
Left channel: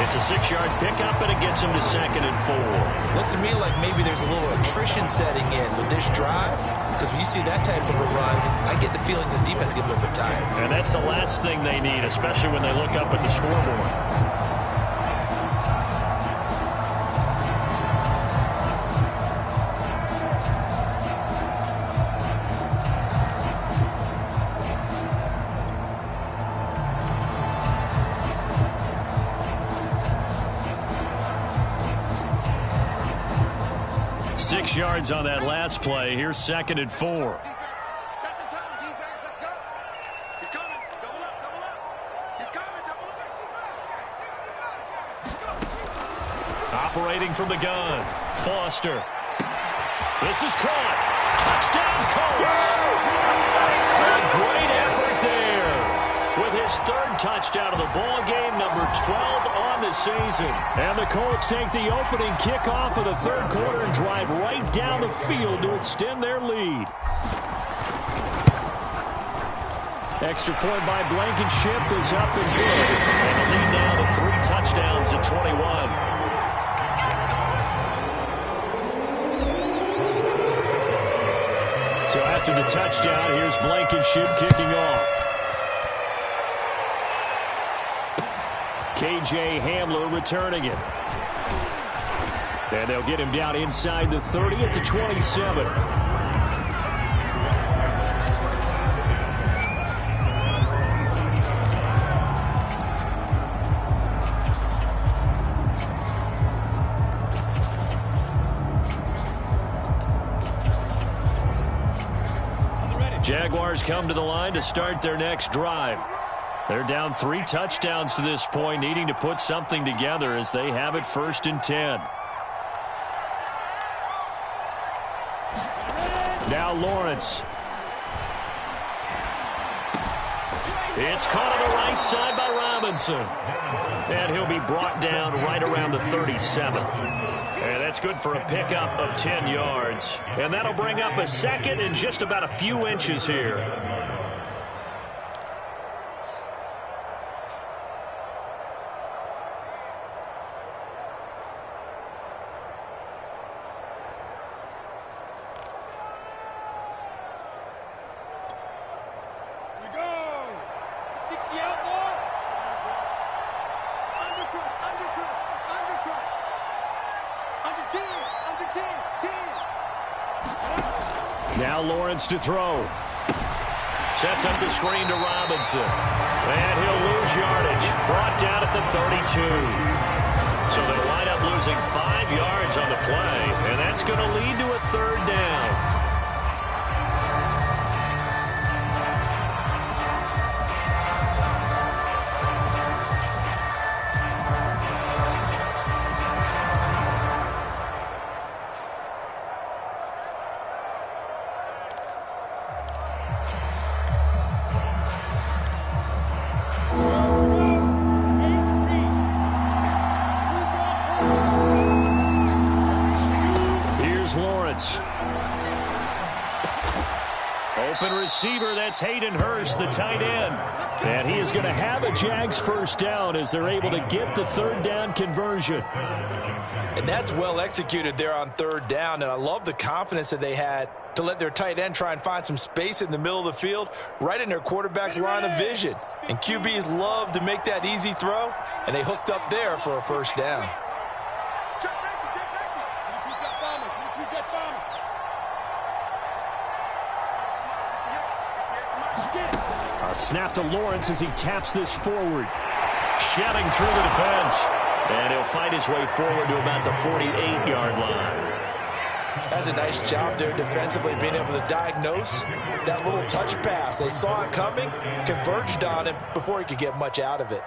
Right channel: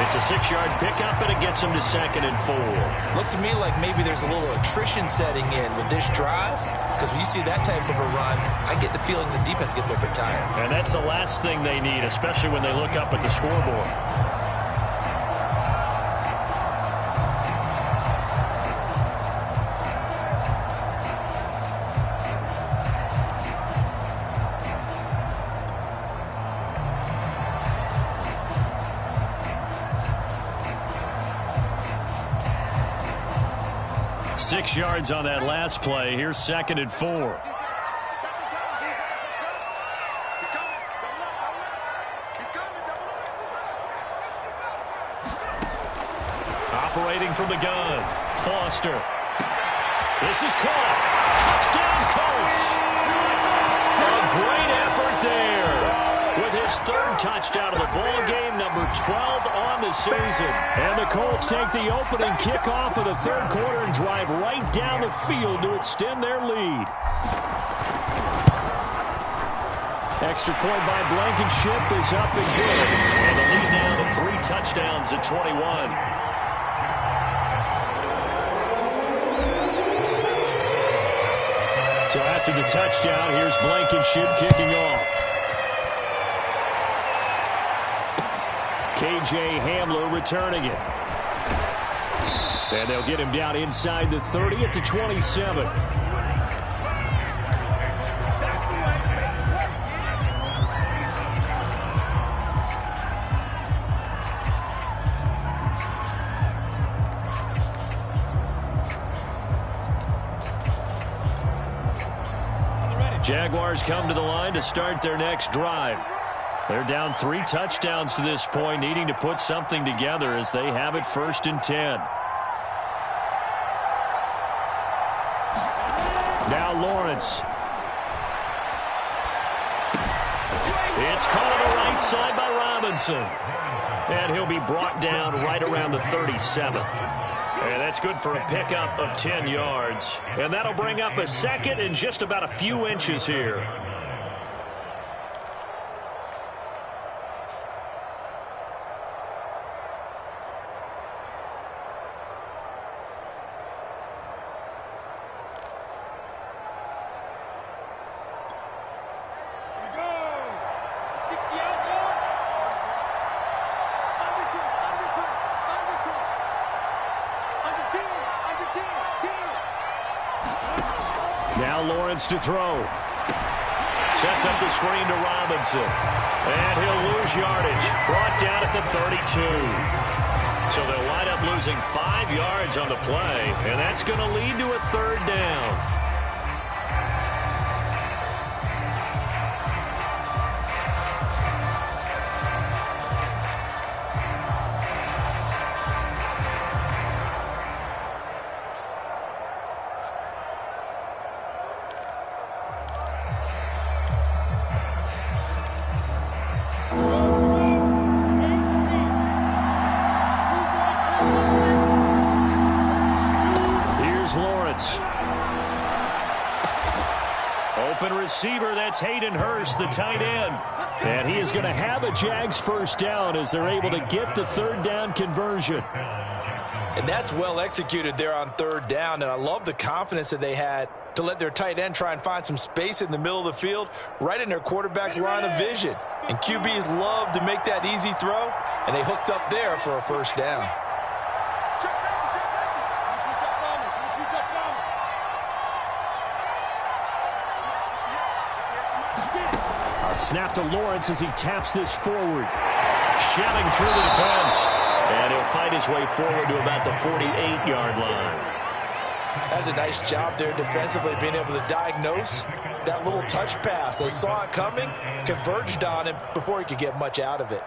It's a 6-yard pickup, and it gets him to 2nd and 4. Looks to me like maybe there's a little attrition setting in with this drive, because when you see that type of a run, I get the feeling the defense gets a little bit tired. And that's the last thing they need, especially when they look up at the scoreboard. Six yards on that last play. Here's 2nd and 4. Operating from the gun, Foster. This is caught. Touchdown, Colts. A great effort there. With his 3rd touchdown of the ball game, number 12 on the season. And the Colts take the opening kickoff of the 3rd quarter and drive right down the field to extend their lead. Extra point by Blankenship is up and good. And the lead now to 3 touchdowns at 21. So after the touchdown, here's Blankenship kicking off. K.J. Hamler returning it. And they'll get him down inside the 30 at the 27. Jaguars come to the line to start their next drive. They're down 3 touchdowns to this point, needing to put something together as they have it 1st and 10. Now Lawrence. It's caught on the right side by Robinson. And he'll be brought down right around the 37. And that's good for a pickup of 10 yards. And that'll bring up a 2nd and just about a few inches here. Now Lawrence to throw. Sets up the screen to Robinson. And he'll lose yardage. Brought down at the 32. So they'll wind up losing 5 yards on the play. And that's going to lead to a 3rd down. open receiver. That's Hayden Hurst, the tight end. And he is going to have a Jags first down as they're able to get the third down conversion. And that's well executed there on third down. And I love the confidence that they had to let their tight end try and find some space in the middle of the field, right in their quarterback's line of vision. And QBs love to make that easy throw, and they hooked up there for a first down. A snap to Lawrence as he taps this forward. Shelling through the defense. And he'll fight his way forward to about the 48-yard line. That's a nice job there defensively, being able to diagnose that little touch pass. They saw it coming, converged on him before he could get much out of it.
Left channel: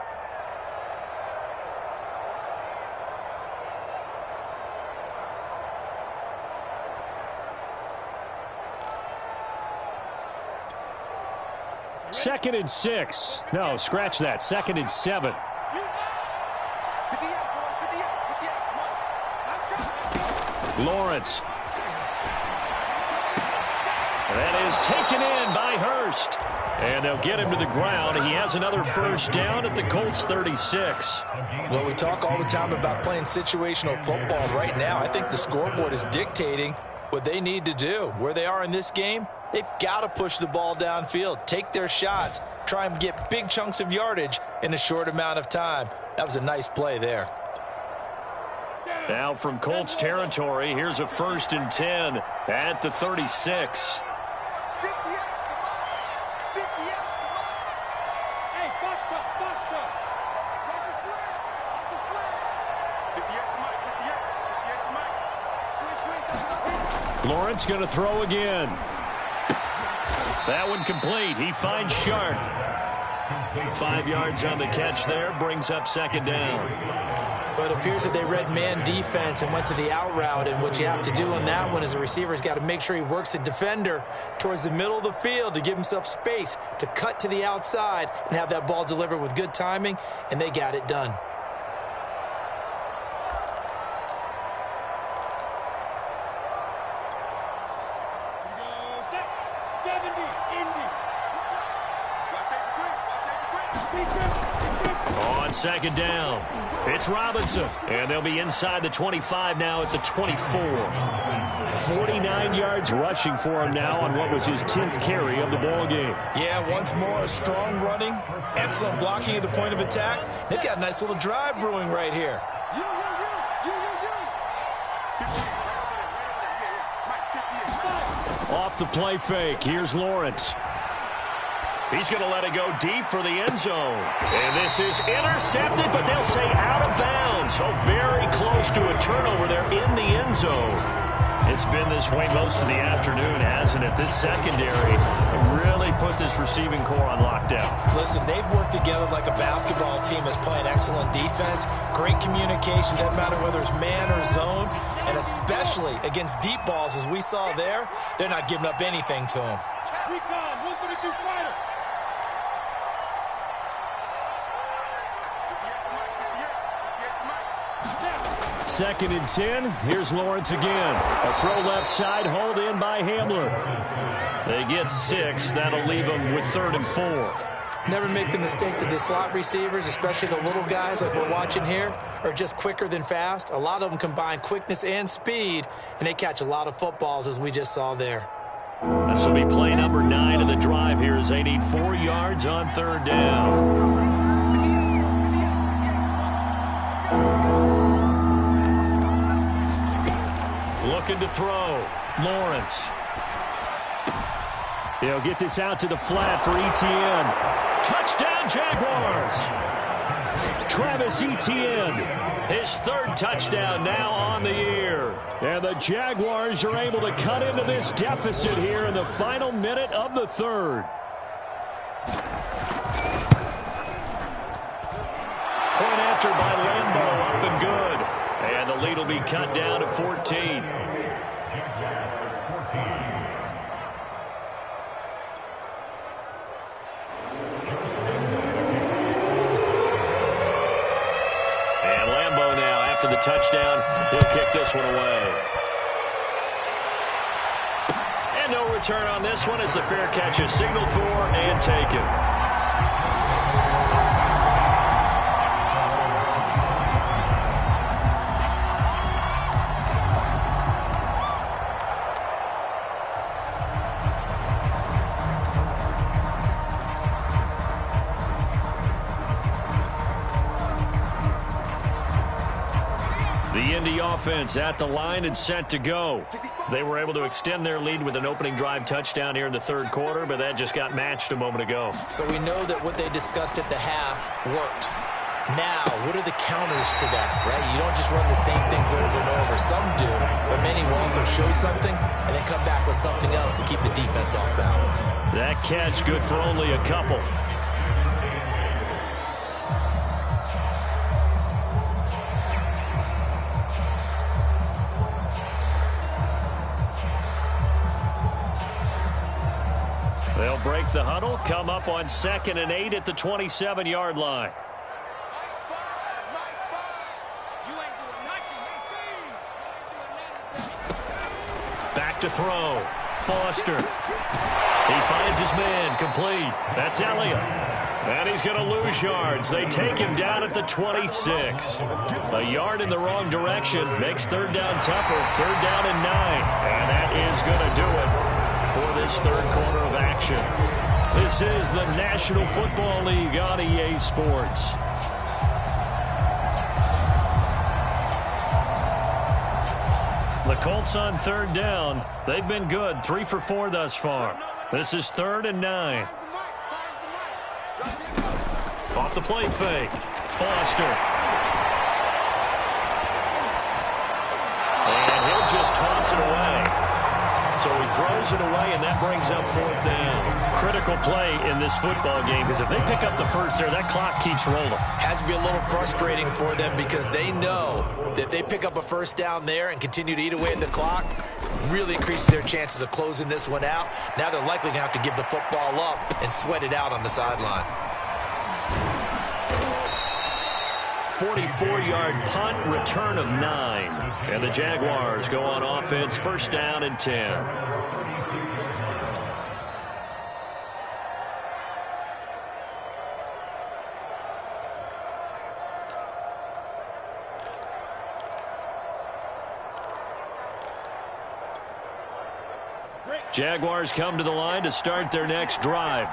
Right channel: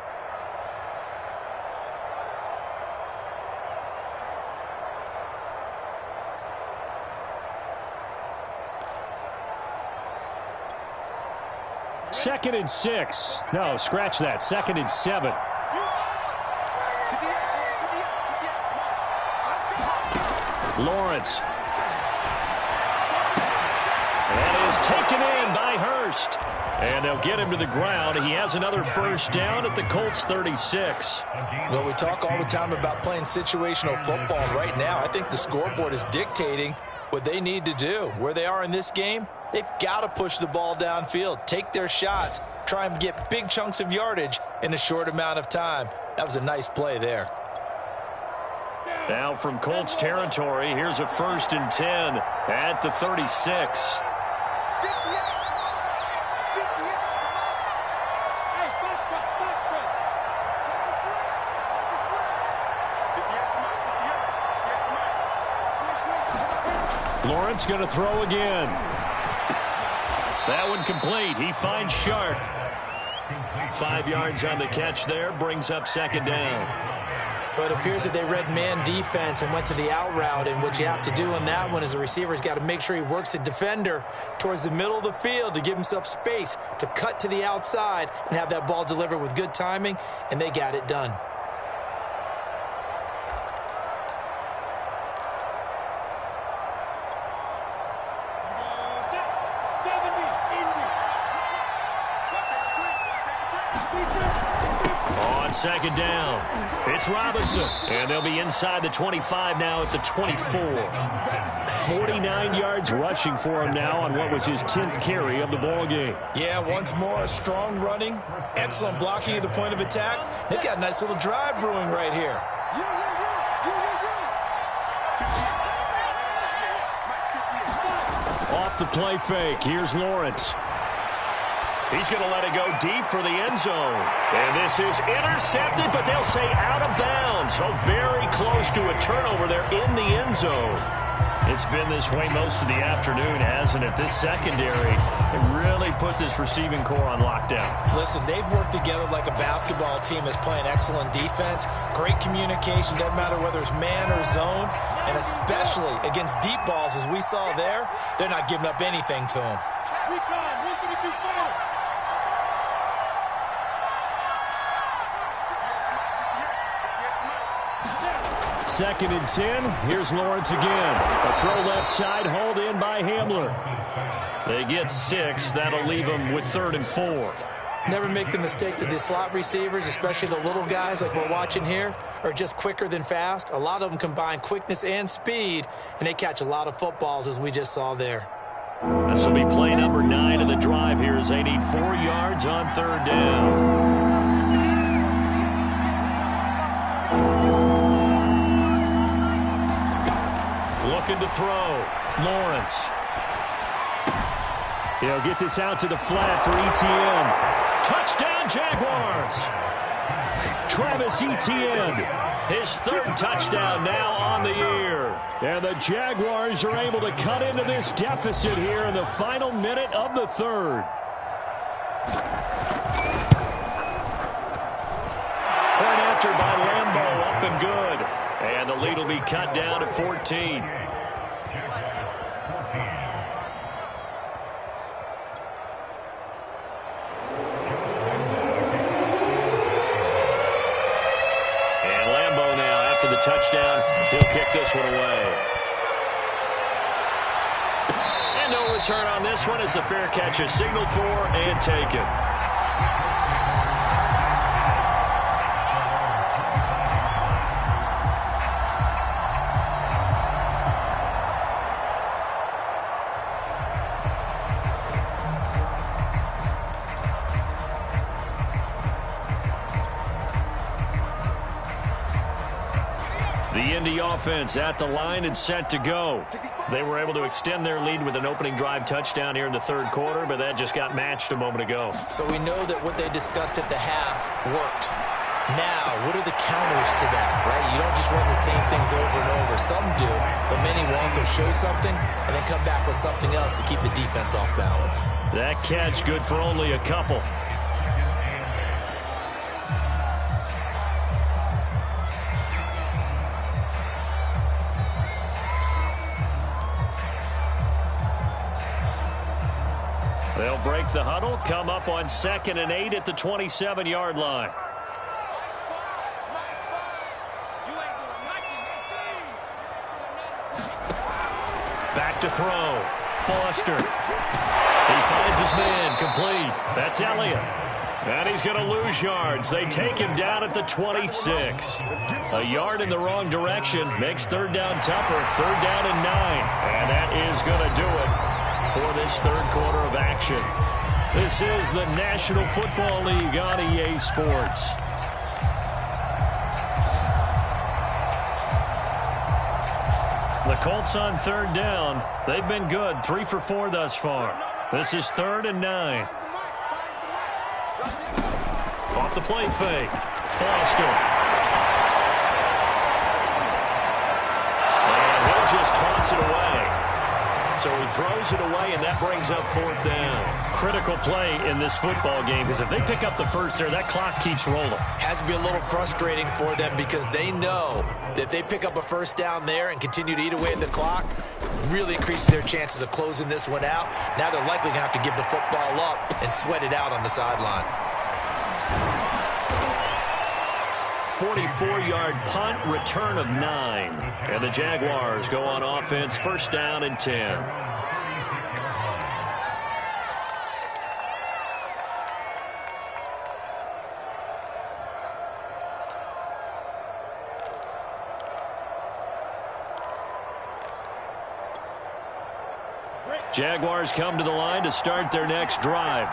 Second and 6. No, scratch that. Second and 7. Lawrence. That is taken in by Hurst. And they'll get him to the ground. He has another first down at the Colts 36. Well, we talk all the time about playing situational football. Right now, I think the scoreboard is dictating what they need to do. Where they are in this game, they've got to push the ball downfield, take their shots, try and get big chunks of yardage in a short amount of time. That was a nice play there. Now from Colts territory, here's a 1st and 10 at the 36. Lawrence going to throw again. That one complete. He finds Shark. 5 yards on the catch there, brings up second down. But it appears that they read man defense and went to the out route, and what you have to do on that one is the receiver's got to make sure he works the defender towards the middle of the field to give himself space to cut to the outside and have that ball delivered with good timing, and they got it done. On second down, it's Robinson, and they'll be inside the 25 now at the 24. 49 yards rushing for him now on what was his 10th carry of the ball game. Yeah, once more, strong running, excellent blocking at the point of attack. They've got a nice little drive brewing right here. Off the play fake, here's Lawrence. He's going to let it go deep for the end zone. And this is intercepted, but they'll say out of bounds. So very close to a turnover there in the end zone. It's been this way most of the afternoon, hasn't it? This secondary really put this receiving core on lockdown. Listen, they've worked together like a basketball team that's playing excellent defense. Great communication, doesn't matter whether it's man or zone. And especially against deep balls, as we saw there, they're not giving up anything to them. Recon, 132 fighter. Second and 10. Here's Lawrence again. A throw left side, hauled in by Hamler. They get 6. That'll leave them with 3rd and 4. Never make the mistake that the slot receivers, especially the little guys like we're watching here, are just quicker than fast. A lot of them combine quickness and speed, and they catch a lot of footballs, as we just saw there. This will be play number 9 of the drive here as they need 4 yards on 3rd down. Looking to throw. Lawrence. He'll get this out to the flat for Etienne. Touchdown, Jaguars. Travis Etienne. His 3rd touchdown now on the year. And the Jaguars are able to cut into this deficit here in the final minute of the 3rd. Point after by Lambeau, up and good. And the lead will be cut down to 14. And Lambeau now, after the touchdown, he'll kick this one away. And no return on this one as the fair catch is signaled for and taken. The Indy offense at the line and set to go. They were able to extend their lead with an opening drive touchdown here in the third quarter, but that just got matched a moment ago. So we know that what they discussed at the half worked. Now, what are the counters to that, right? You don't just run the same things over and over. Some do, but many will also show something and then come back with something else to keep the defense off balance. That catch good for only a couple. They'll break the huddle, come up on 2nd and 8 at the 27-yard line. Back to throw. Foster. He finds his man, complete. That's Elliott. And he's going to lose yards. They take him down at the 26. A yard in the wrong direction makes third down tougher. 3rd down and 9. And that is going to do it for this third quarter of action. This is the National Football League on EA Sports. The Colts on 3rd down. They've been good, 3 for 4 thus far. This is 3rd and 9. Off the play fake. Foster. And he'll just toss it away. So he throws it away, and that brings up 4th down. Critical play in this football game, because if they pick up the first there, that clock keeps rolling. Has to be a little frustrating for them because they know that if they pick up a first down there and continue to eat away at the clock, really increases their chances of closing this one out. Now they're likely going to have to give the football up and sweat it out on the sideline. 44-yard punt, return of 9. And the Jaguars go on offense, 1st down and 10. Jaguars come to the line to start their next drive.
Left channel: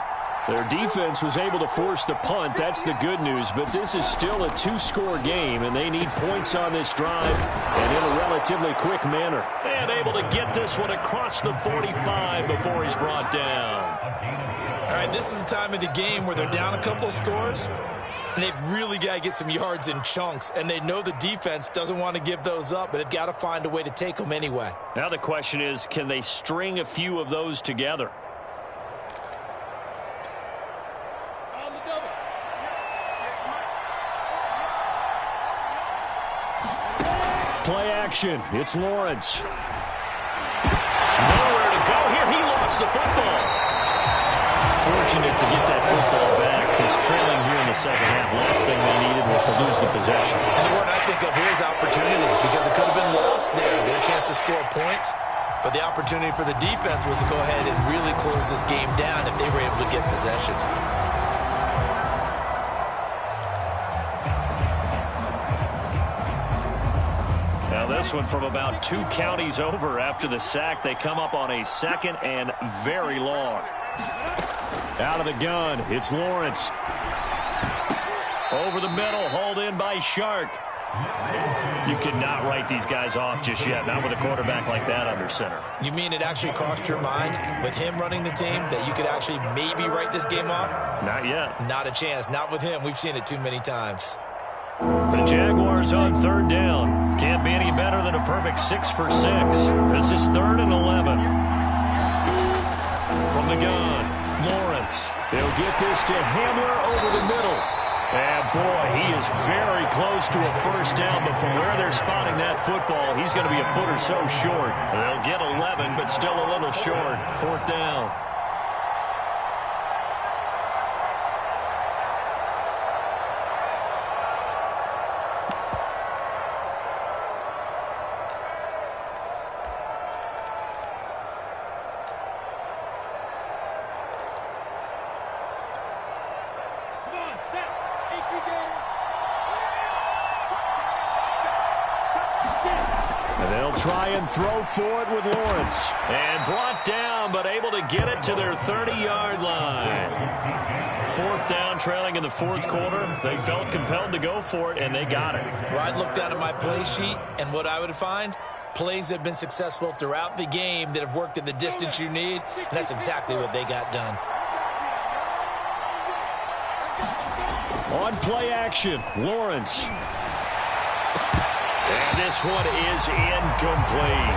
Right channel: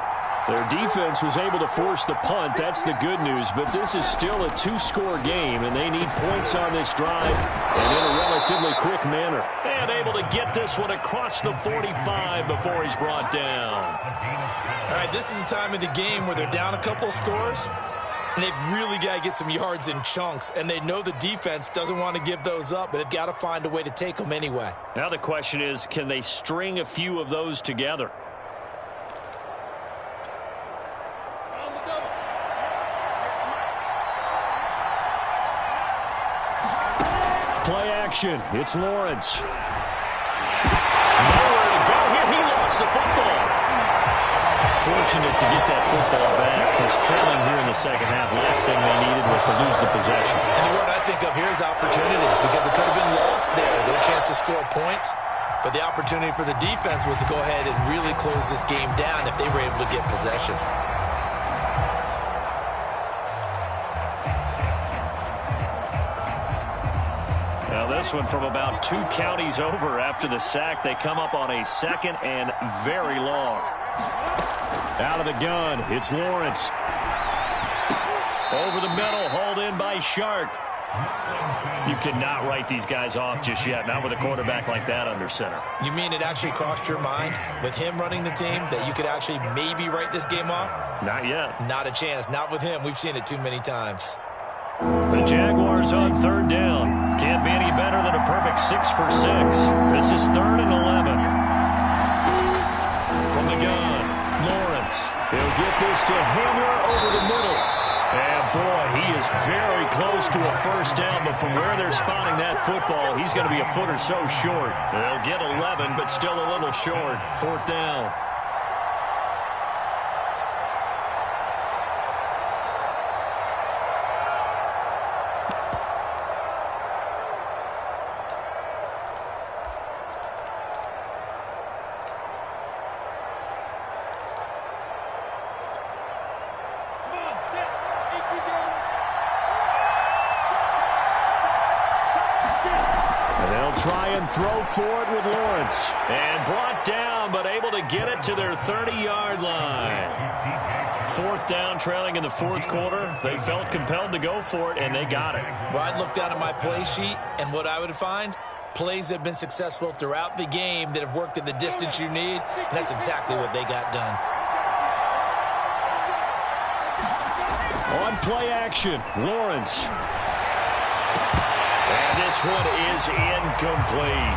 Their defense was able to force the punt. That's the good news. But this is still a 2-score game, and they need points on this drive and in a relatively quick manner. And able to get this one across the 45 before he's brought down. All right, this is the time of the game where they're down a couple of scores, and they've really got to get some yards in chunks. And they know the defense doesn't want to give those up, but they've got to find a way to take them anyway. Now the question is, can they string a few of those together? Play action. It's Lawrence. Nowhere to go here. He lost the football. Fortunate to get that football back. He's trailing here in the second half. Last thing they needed was to lose the possession. And the word I think of here is opportunity, because it could have been lost there. Their chance to score points. But the opportunity for the defense was to go ahead and really close this game down if they were able to get possession. Now this one from about 2 counties over after the sack. They come up on a 2nd and very long. Out of the gun, it's Lawrence. Over the middle, hauled in by Shark. You cannot write these guys off just yet, not with a quarterback like that under center. You mean it actually crossed your mind with him running the team that you could actually maybe write this game off? Not yet. Not a chance. Not with him. We've seen it too many times. The Jaguars on 3rd down. Can't be any better than a perfect 6 for 6. This is 3rd and 11. From the gun, Lawrence. He'll get this to Hamler over the middle. And boy, he is very close to a first down, but from where they're spotting that football, he's going to be a foot or so short. They'll get 11, but still a little short. 4th down. They'll try and throw for it with Lawrence. And brought down, but able to get it to their 30-yard line. 4th down, trailing in the 4th quarter. They felt compelled to go for it, and they got it. Well, I'd look down at my play sheet, and what I would find, plays that have been successful throughout the game that have worked at the distance you need, and that's exactly what they got done. On play action, Lawrence. And this one is incomplete.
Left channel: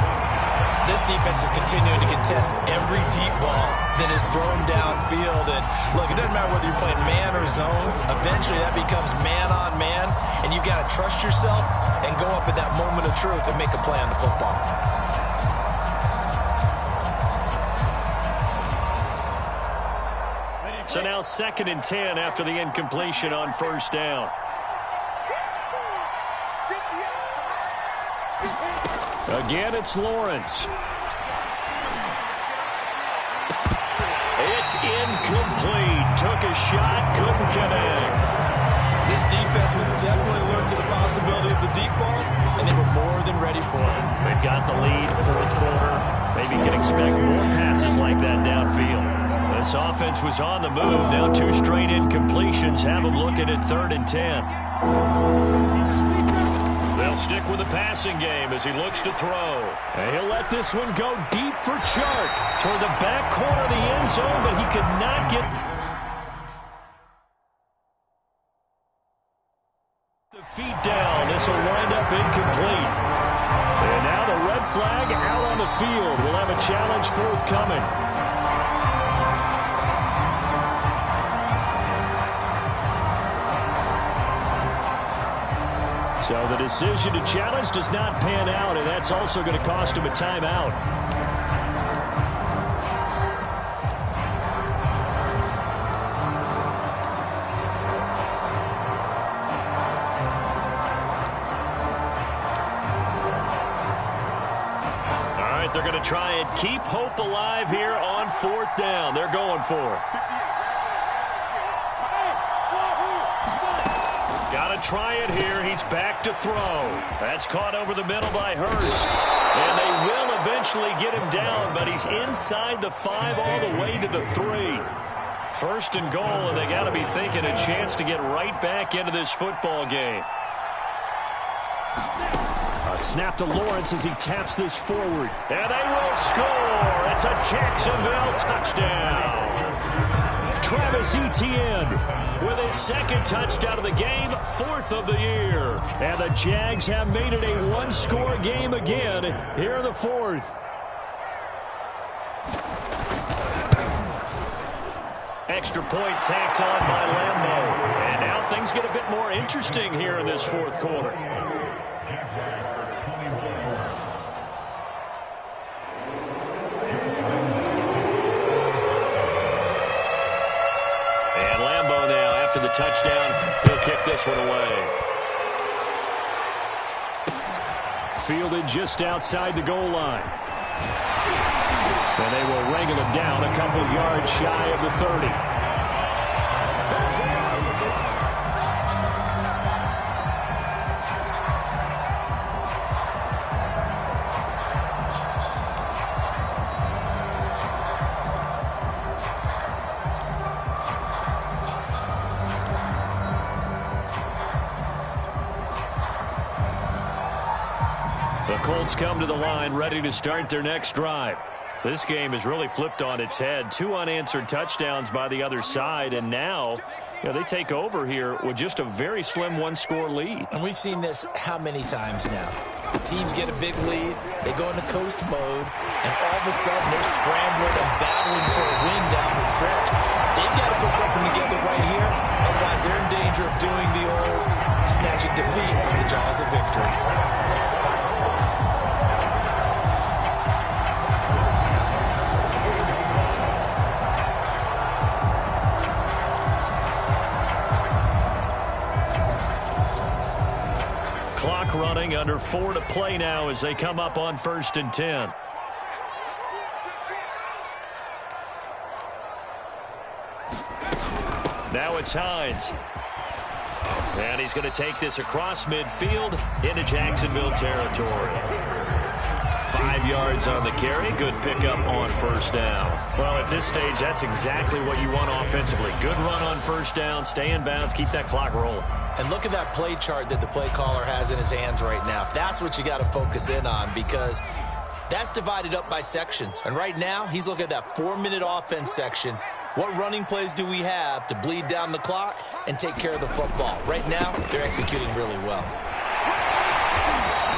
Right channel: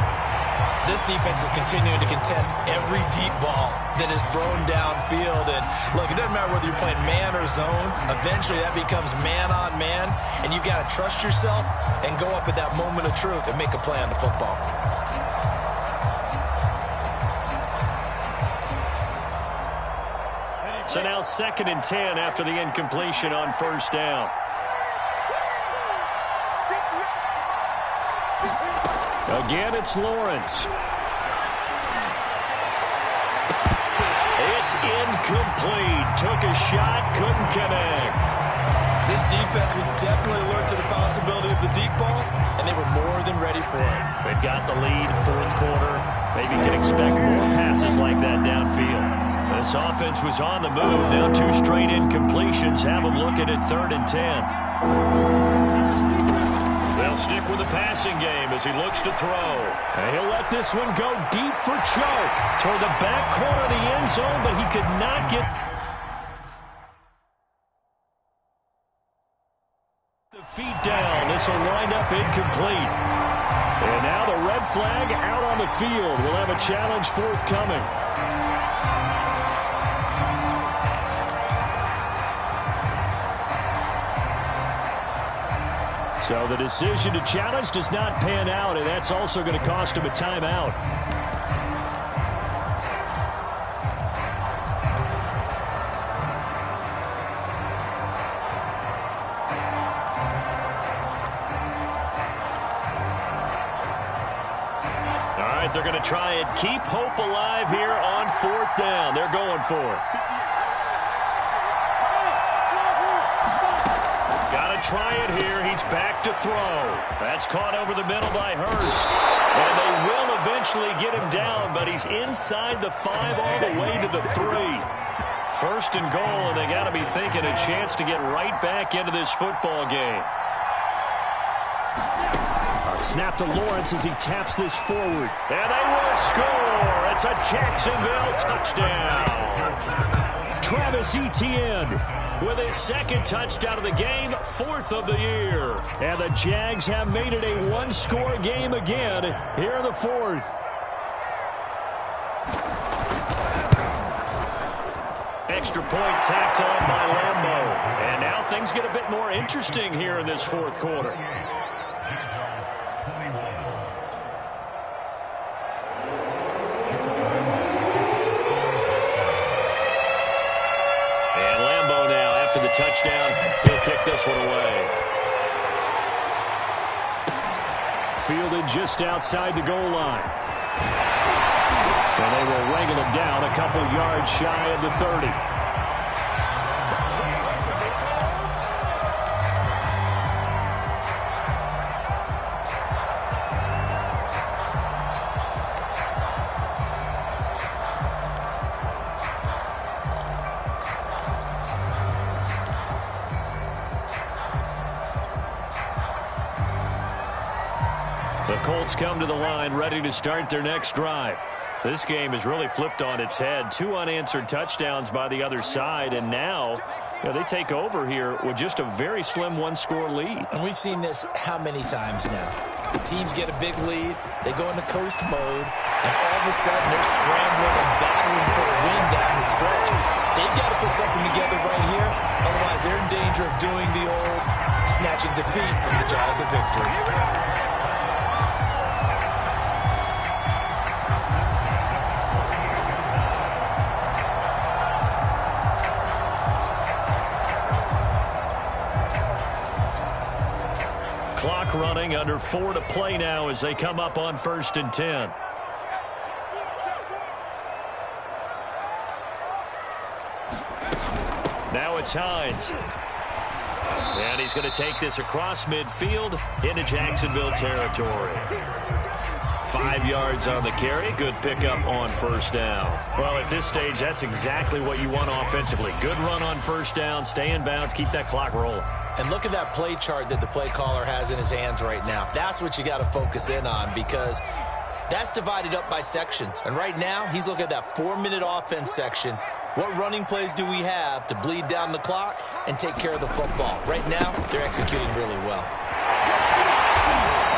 This defense is continuing to contest every deep ball that is thrown downfield. And look, it doesn't matter whether you're playing man or zone. Eventually that becomes man on man, and you've got to trust yourself and go up at that moment of truth and make a play on the football. So now 2nd and 10 after the incompletion on 1st down. Again, it's Lawrence. It's incomplete. Took a shot, couldn't connect. This defense was definitely alert to the possibility of the deep ball, and they were more than ready for it. They've got the lead, 4th quarter. Maybe can expect more passes like that downfield. This offense was on the move. Now 2 straight incompletions have them looking at 3rd and 10. They'll stick with the passing game as he looks to throw. And he'll let this one go deep for Chark. Toward the back corner of the end zone, but he could not get the feet down. This will wind up incomplete. And now the red flag out on the field. We'll have a challenge forthcoming. So the decision to challenge does not pan out, and that's also going to cost him a timeout. All right, they're going to try and keep hope alive here on 4th down. They're going for it. Got to try it here. He's back to throw. That's caught over the middle by Hurst. And they will eventually get him down, but he's inside the 5 all the way to the 3. 1st and goal, and they got to be thinking a chance to get right back into this football game. A snap to Lawrence as he taps this forward. And they will score. It's a Jacksonville touchdown. Travis Etienne with his 2nd touchdown of the game, 4th of the year. And the Jags have made it a 1-score game again here in the 4th. Extra point tacked on by Lambeau. And now things get a bit more interesting here in this 4th quarter. And Lambeau now, after the touchdown, he'll kick this one away. Fielded just outside the goal line. And they will wrangle him down a couple yards shy of the 30. The Colts come to the line ready to start their next drive. This game has really flipped on its head. 2 unanswered touchdowns by the other side, and now they take over here with just a very slim 1-score lead. And we've seen this how many times now? Teams get a big lead, they go into coast mode, and all of a sudden they're scrambling and battling for a win down the stretch. They've got to put something together right here, otherwise they're in danger of doing the old snatching defeat from the jaws of victory. Clock running, under 4 to play now as they come up on 1st and 10. Now it's Hines. And he's going to take this across midfield into Jacksonville territory. 5 yards on the carry. Good pickup on first down. Well, at this stage, that's exactly what you want offensively. Good run on first down, stay in bounds, keep that clock rolling. And look at that play chart that the play caller has in his hands right now. That's what you got to focus in on, because that's divided up by sections. And right now, he's looking at that 4-minute offense section. What running plays do we have to bleed down the clock and take care of the football? Right now, they're executing really well.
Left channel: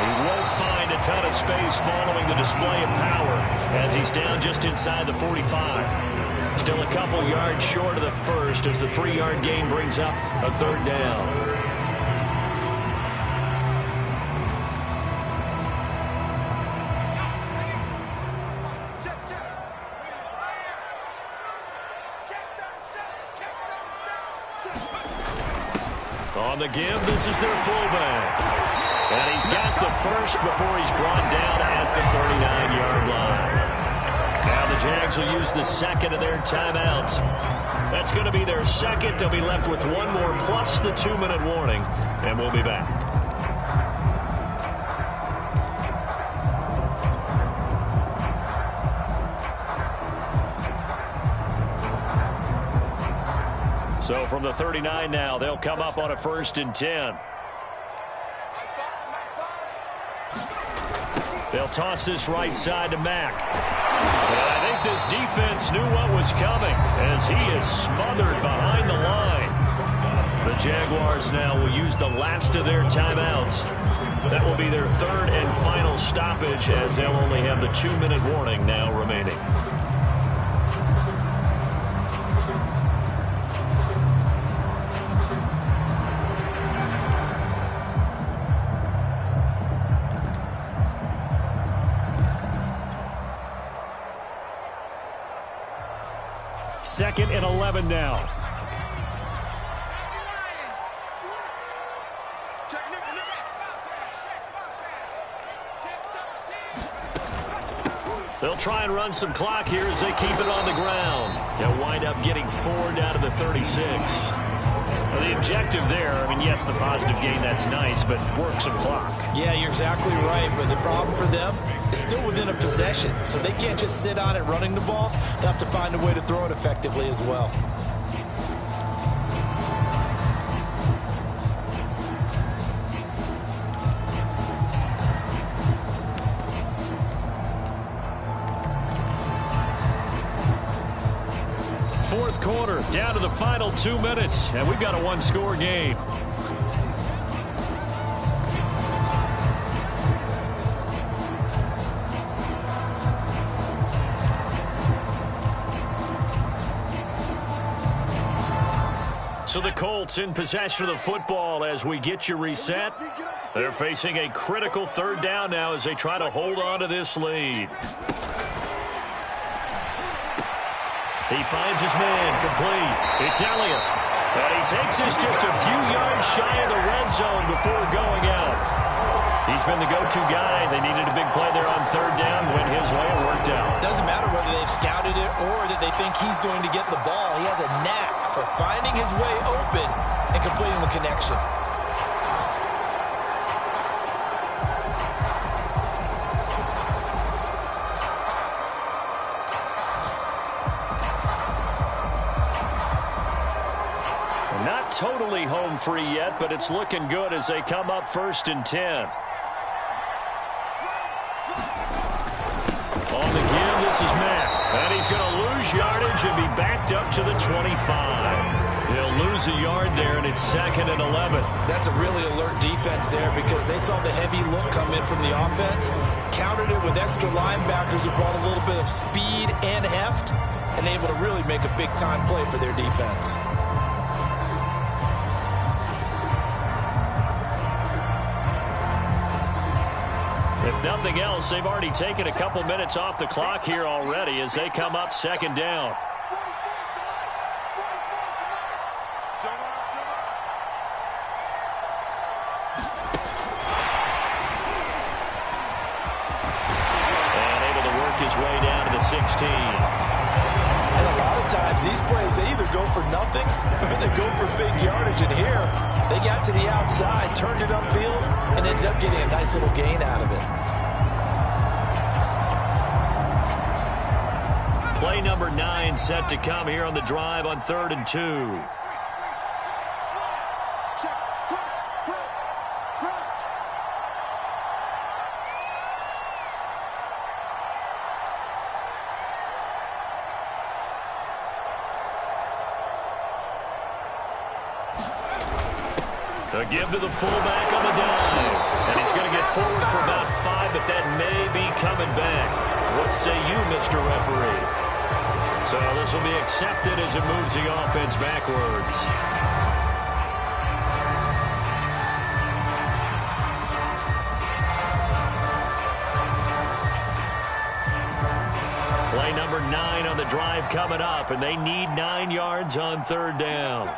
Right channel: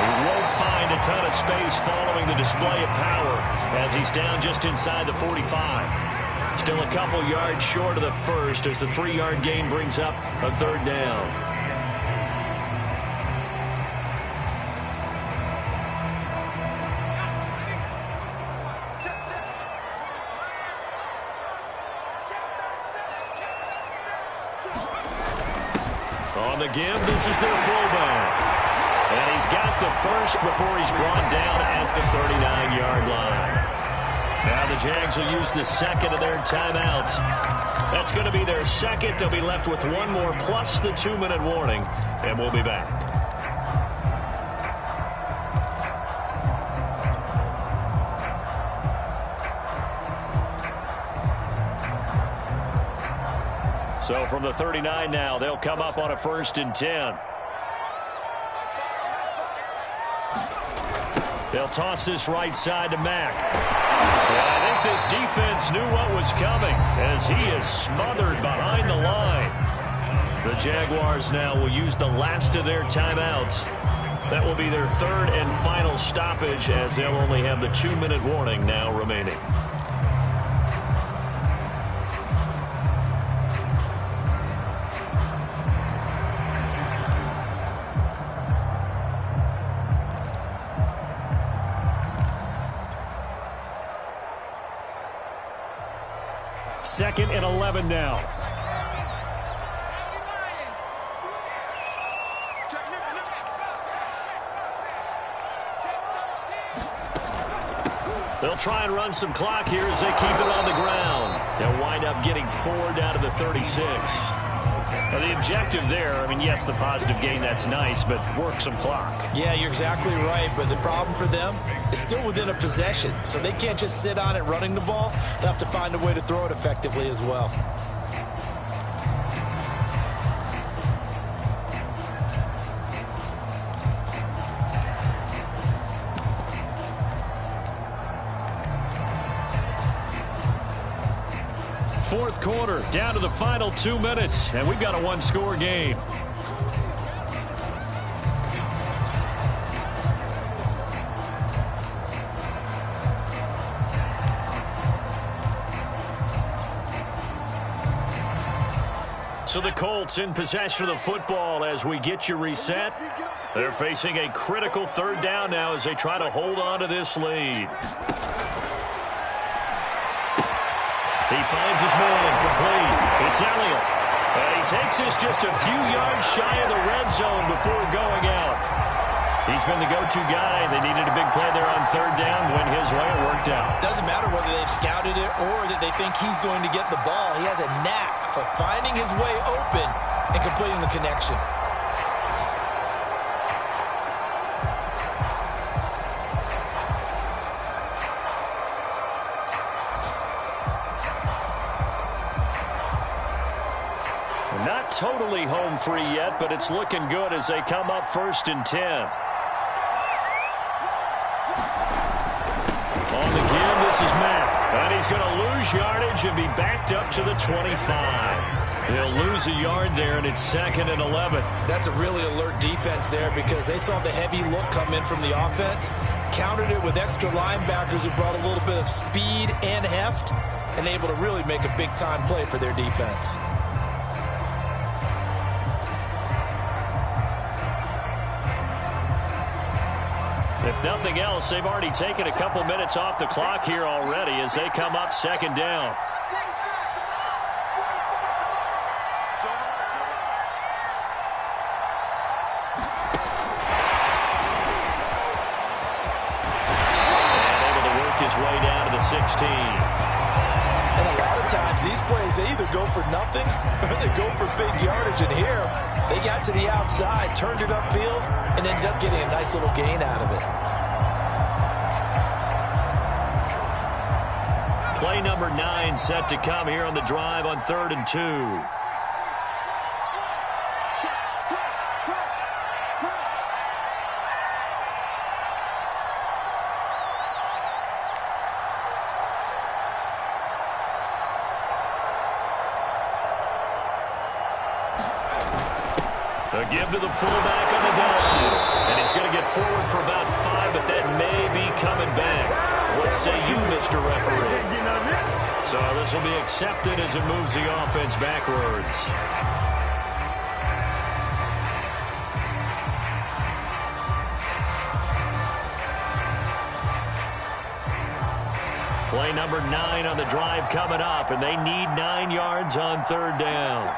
He won't find a ton of space following the display of power as he's down just inside the 45. Still a couple yards short of the first as the 3-yard gain brings up a third down. On the give, this is their fullback. And he's got the first before he's brought down at the 39-yard line. Now the Jags will use the second of their timeouts. That's going to be their second. They'll be left with one more plus the 2-minute warning, and we'll be back. So from the 39 now, they'll come up on a 1st and 10. They'll toss this right side to Mack. And I think this defense knew what was coming as he is smothered behind the line. The Jaguars now will use the last of their timeouts. That will be their 3rd and final stoppage as they'll only have the 2-minute warning now remaining. Second and 11 now. They'll try and run some clock here as they keep it on the ground. They'll wind up getting 4 down to the 36. Now the objective there, I mean, yes, the positive gain, that's nice, but work some clock. Yeah, you're exactly right, but the problem for them is still within a possession, so they can't just sit on it running the ball. They'll have to find a way to throw it effectively as well. Fourth quarter, down to the final 2 minutes, and we've got a 1-score game. So the Colts in possession of the football as we get you reset. They're facing a critical 3rd down now as they try to hold on to this lead. He finds his man complete. It's Elliott. And he takes this just a few yards shy of the red zone before going out. He's been the go-to guy. They needed a big play there on 3rd down. Went his way. It worked out. Doesn't matter whether they've scouted it or that they think he's going to get the ball. He has a knack for finding his way open and completing the connection. Not totally home free yet, but it's looking good as they come up 1st and 10. On the give, this is Mack. And he's going to lose yardage and be backed up to the 25. He'll lose a yard there, and it's 2nd and 11. That's a really alert defense there because they saw the heavy look come in from the offense, countered it with extra linebackers who brought a little bit of speed and heft, and able to really make a big-time play for their defense. If nothing else, they've already taken a couple minutes off the clock here already as they come up 2nd down. And able to work his way down to the 16. And a lot of times these plays, they either go for nothing or they go for big yardage. And here, they got to the outside, turned it upfield, and ended up getting a nice little gain out of it. Play number 9 set to come here on the drive on 3rd and 2. A give to the fullback on the dive. And he's going to get forward for about 5, but that may be coming back. What say you, Mr. Referee? So this will be accepted as it moves the offense backwards. Play number 9 on the drive coming up, and they need 9 yards on 3rd down.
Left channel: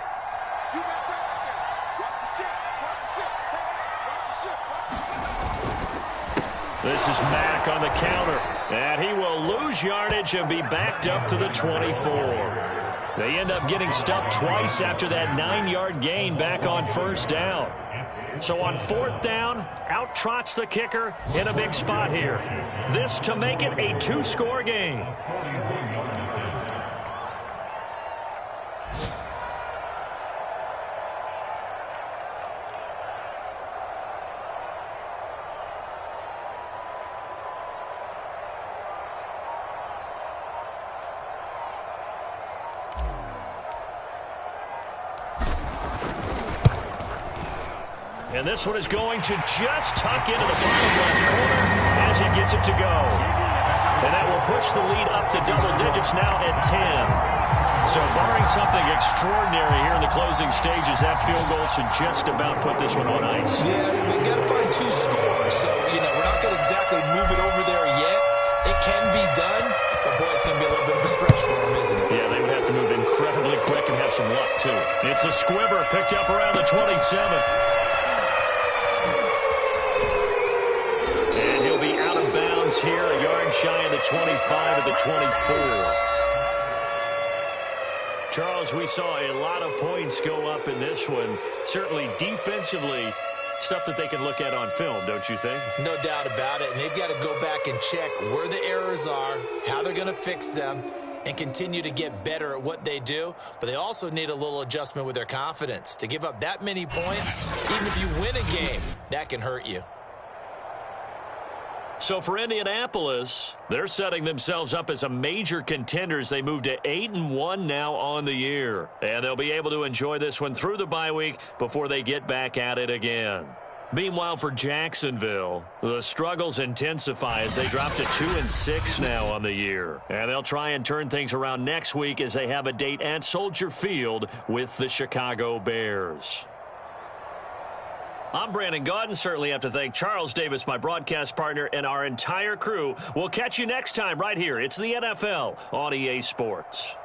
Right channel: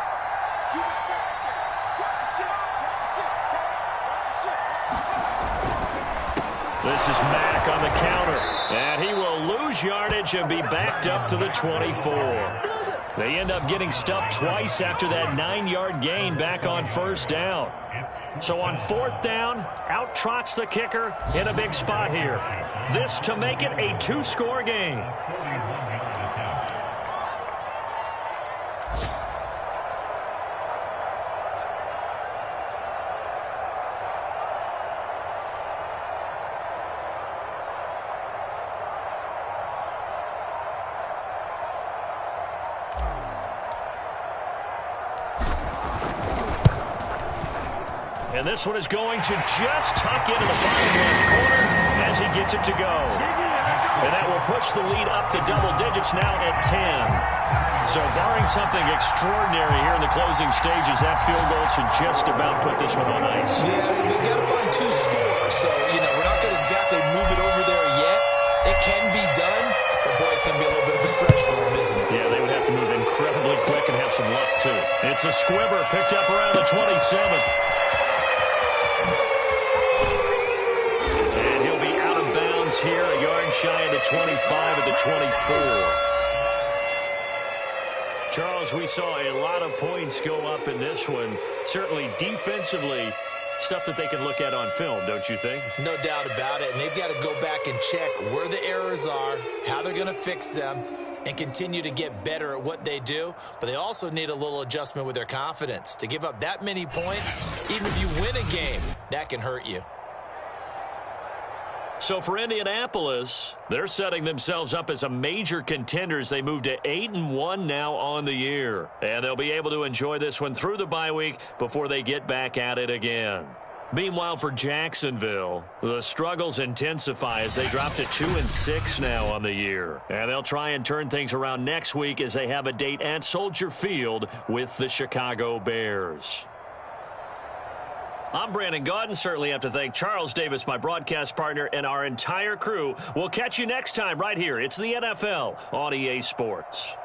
This is Mack on the counter, and he will lose yardage and be backed up to the 24. They end up getting stuffed twice after that 9-yard gain back on 1st down. So on 4th down, out trots the kicker in a big spot here. This to make it a 2-score game. And this one is going to just tuck into the bottom left corner as he gets it to go. And that will push the lead up to double digits now at 10. So barring something extraordinary here in the closing stages, that field goal should just about put this one on ice. Yeah, we've got to find 2 scores. So, we're not going to exactly move it over there yet. It can be done, but boy, it's going to be a little bit of a stretch for them, isn't it? Yeah, they would have to move incredibly quick and have some luck, too. It's a squibber picked up around the 27. And he'll be out of bounds here, a yard shy of the 25 at the 24. Charles, we saw a lot of points go up in this one. Certainly defensively, stuff that they can look at on film, don't you think? No doubt about it. And they've got to go back and check where the errors are, how they're going to fix them, and continue to get better at what they do. But they also need a little adjustment with their confidence. To give up that many points, even if you win a game, that can hurt you. So for Indianapolis, they're setting themselves up as a major contender as they move to 8-1 now on the year. And they'll be able to enjoy this one through the bye week before they get back at it again. Meanwhile, for Jacksonville, the struggles intensify as they drop to 2-6 now on the year. And they'll try and turn things around next week as they have a date at Soldier Field with the Chicago Bears. I'm Brandon Gaudin. Certainly have to thank Charles Davis, my broadcast partner, and our entire crew. We'll catch you next time right here. It's the NFL on EA Sports.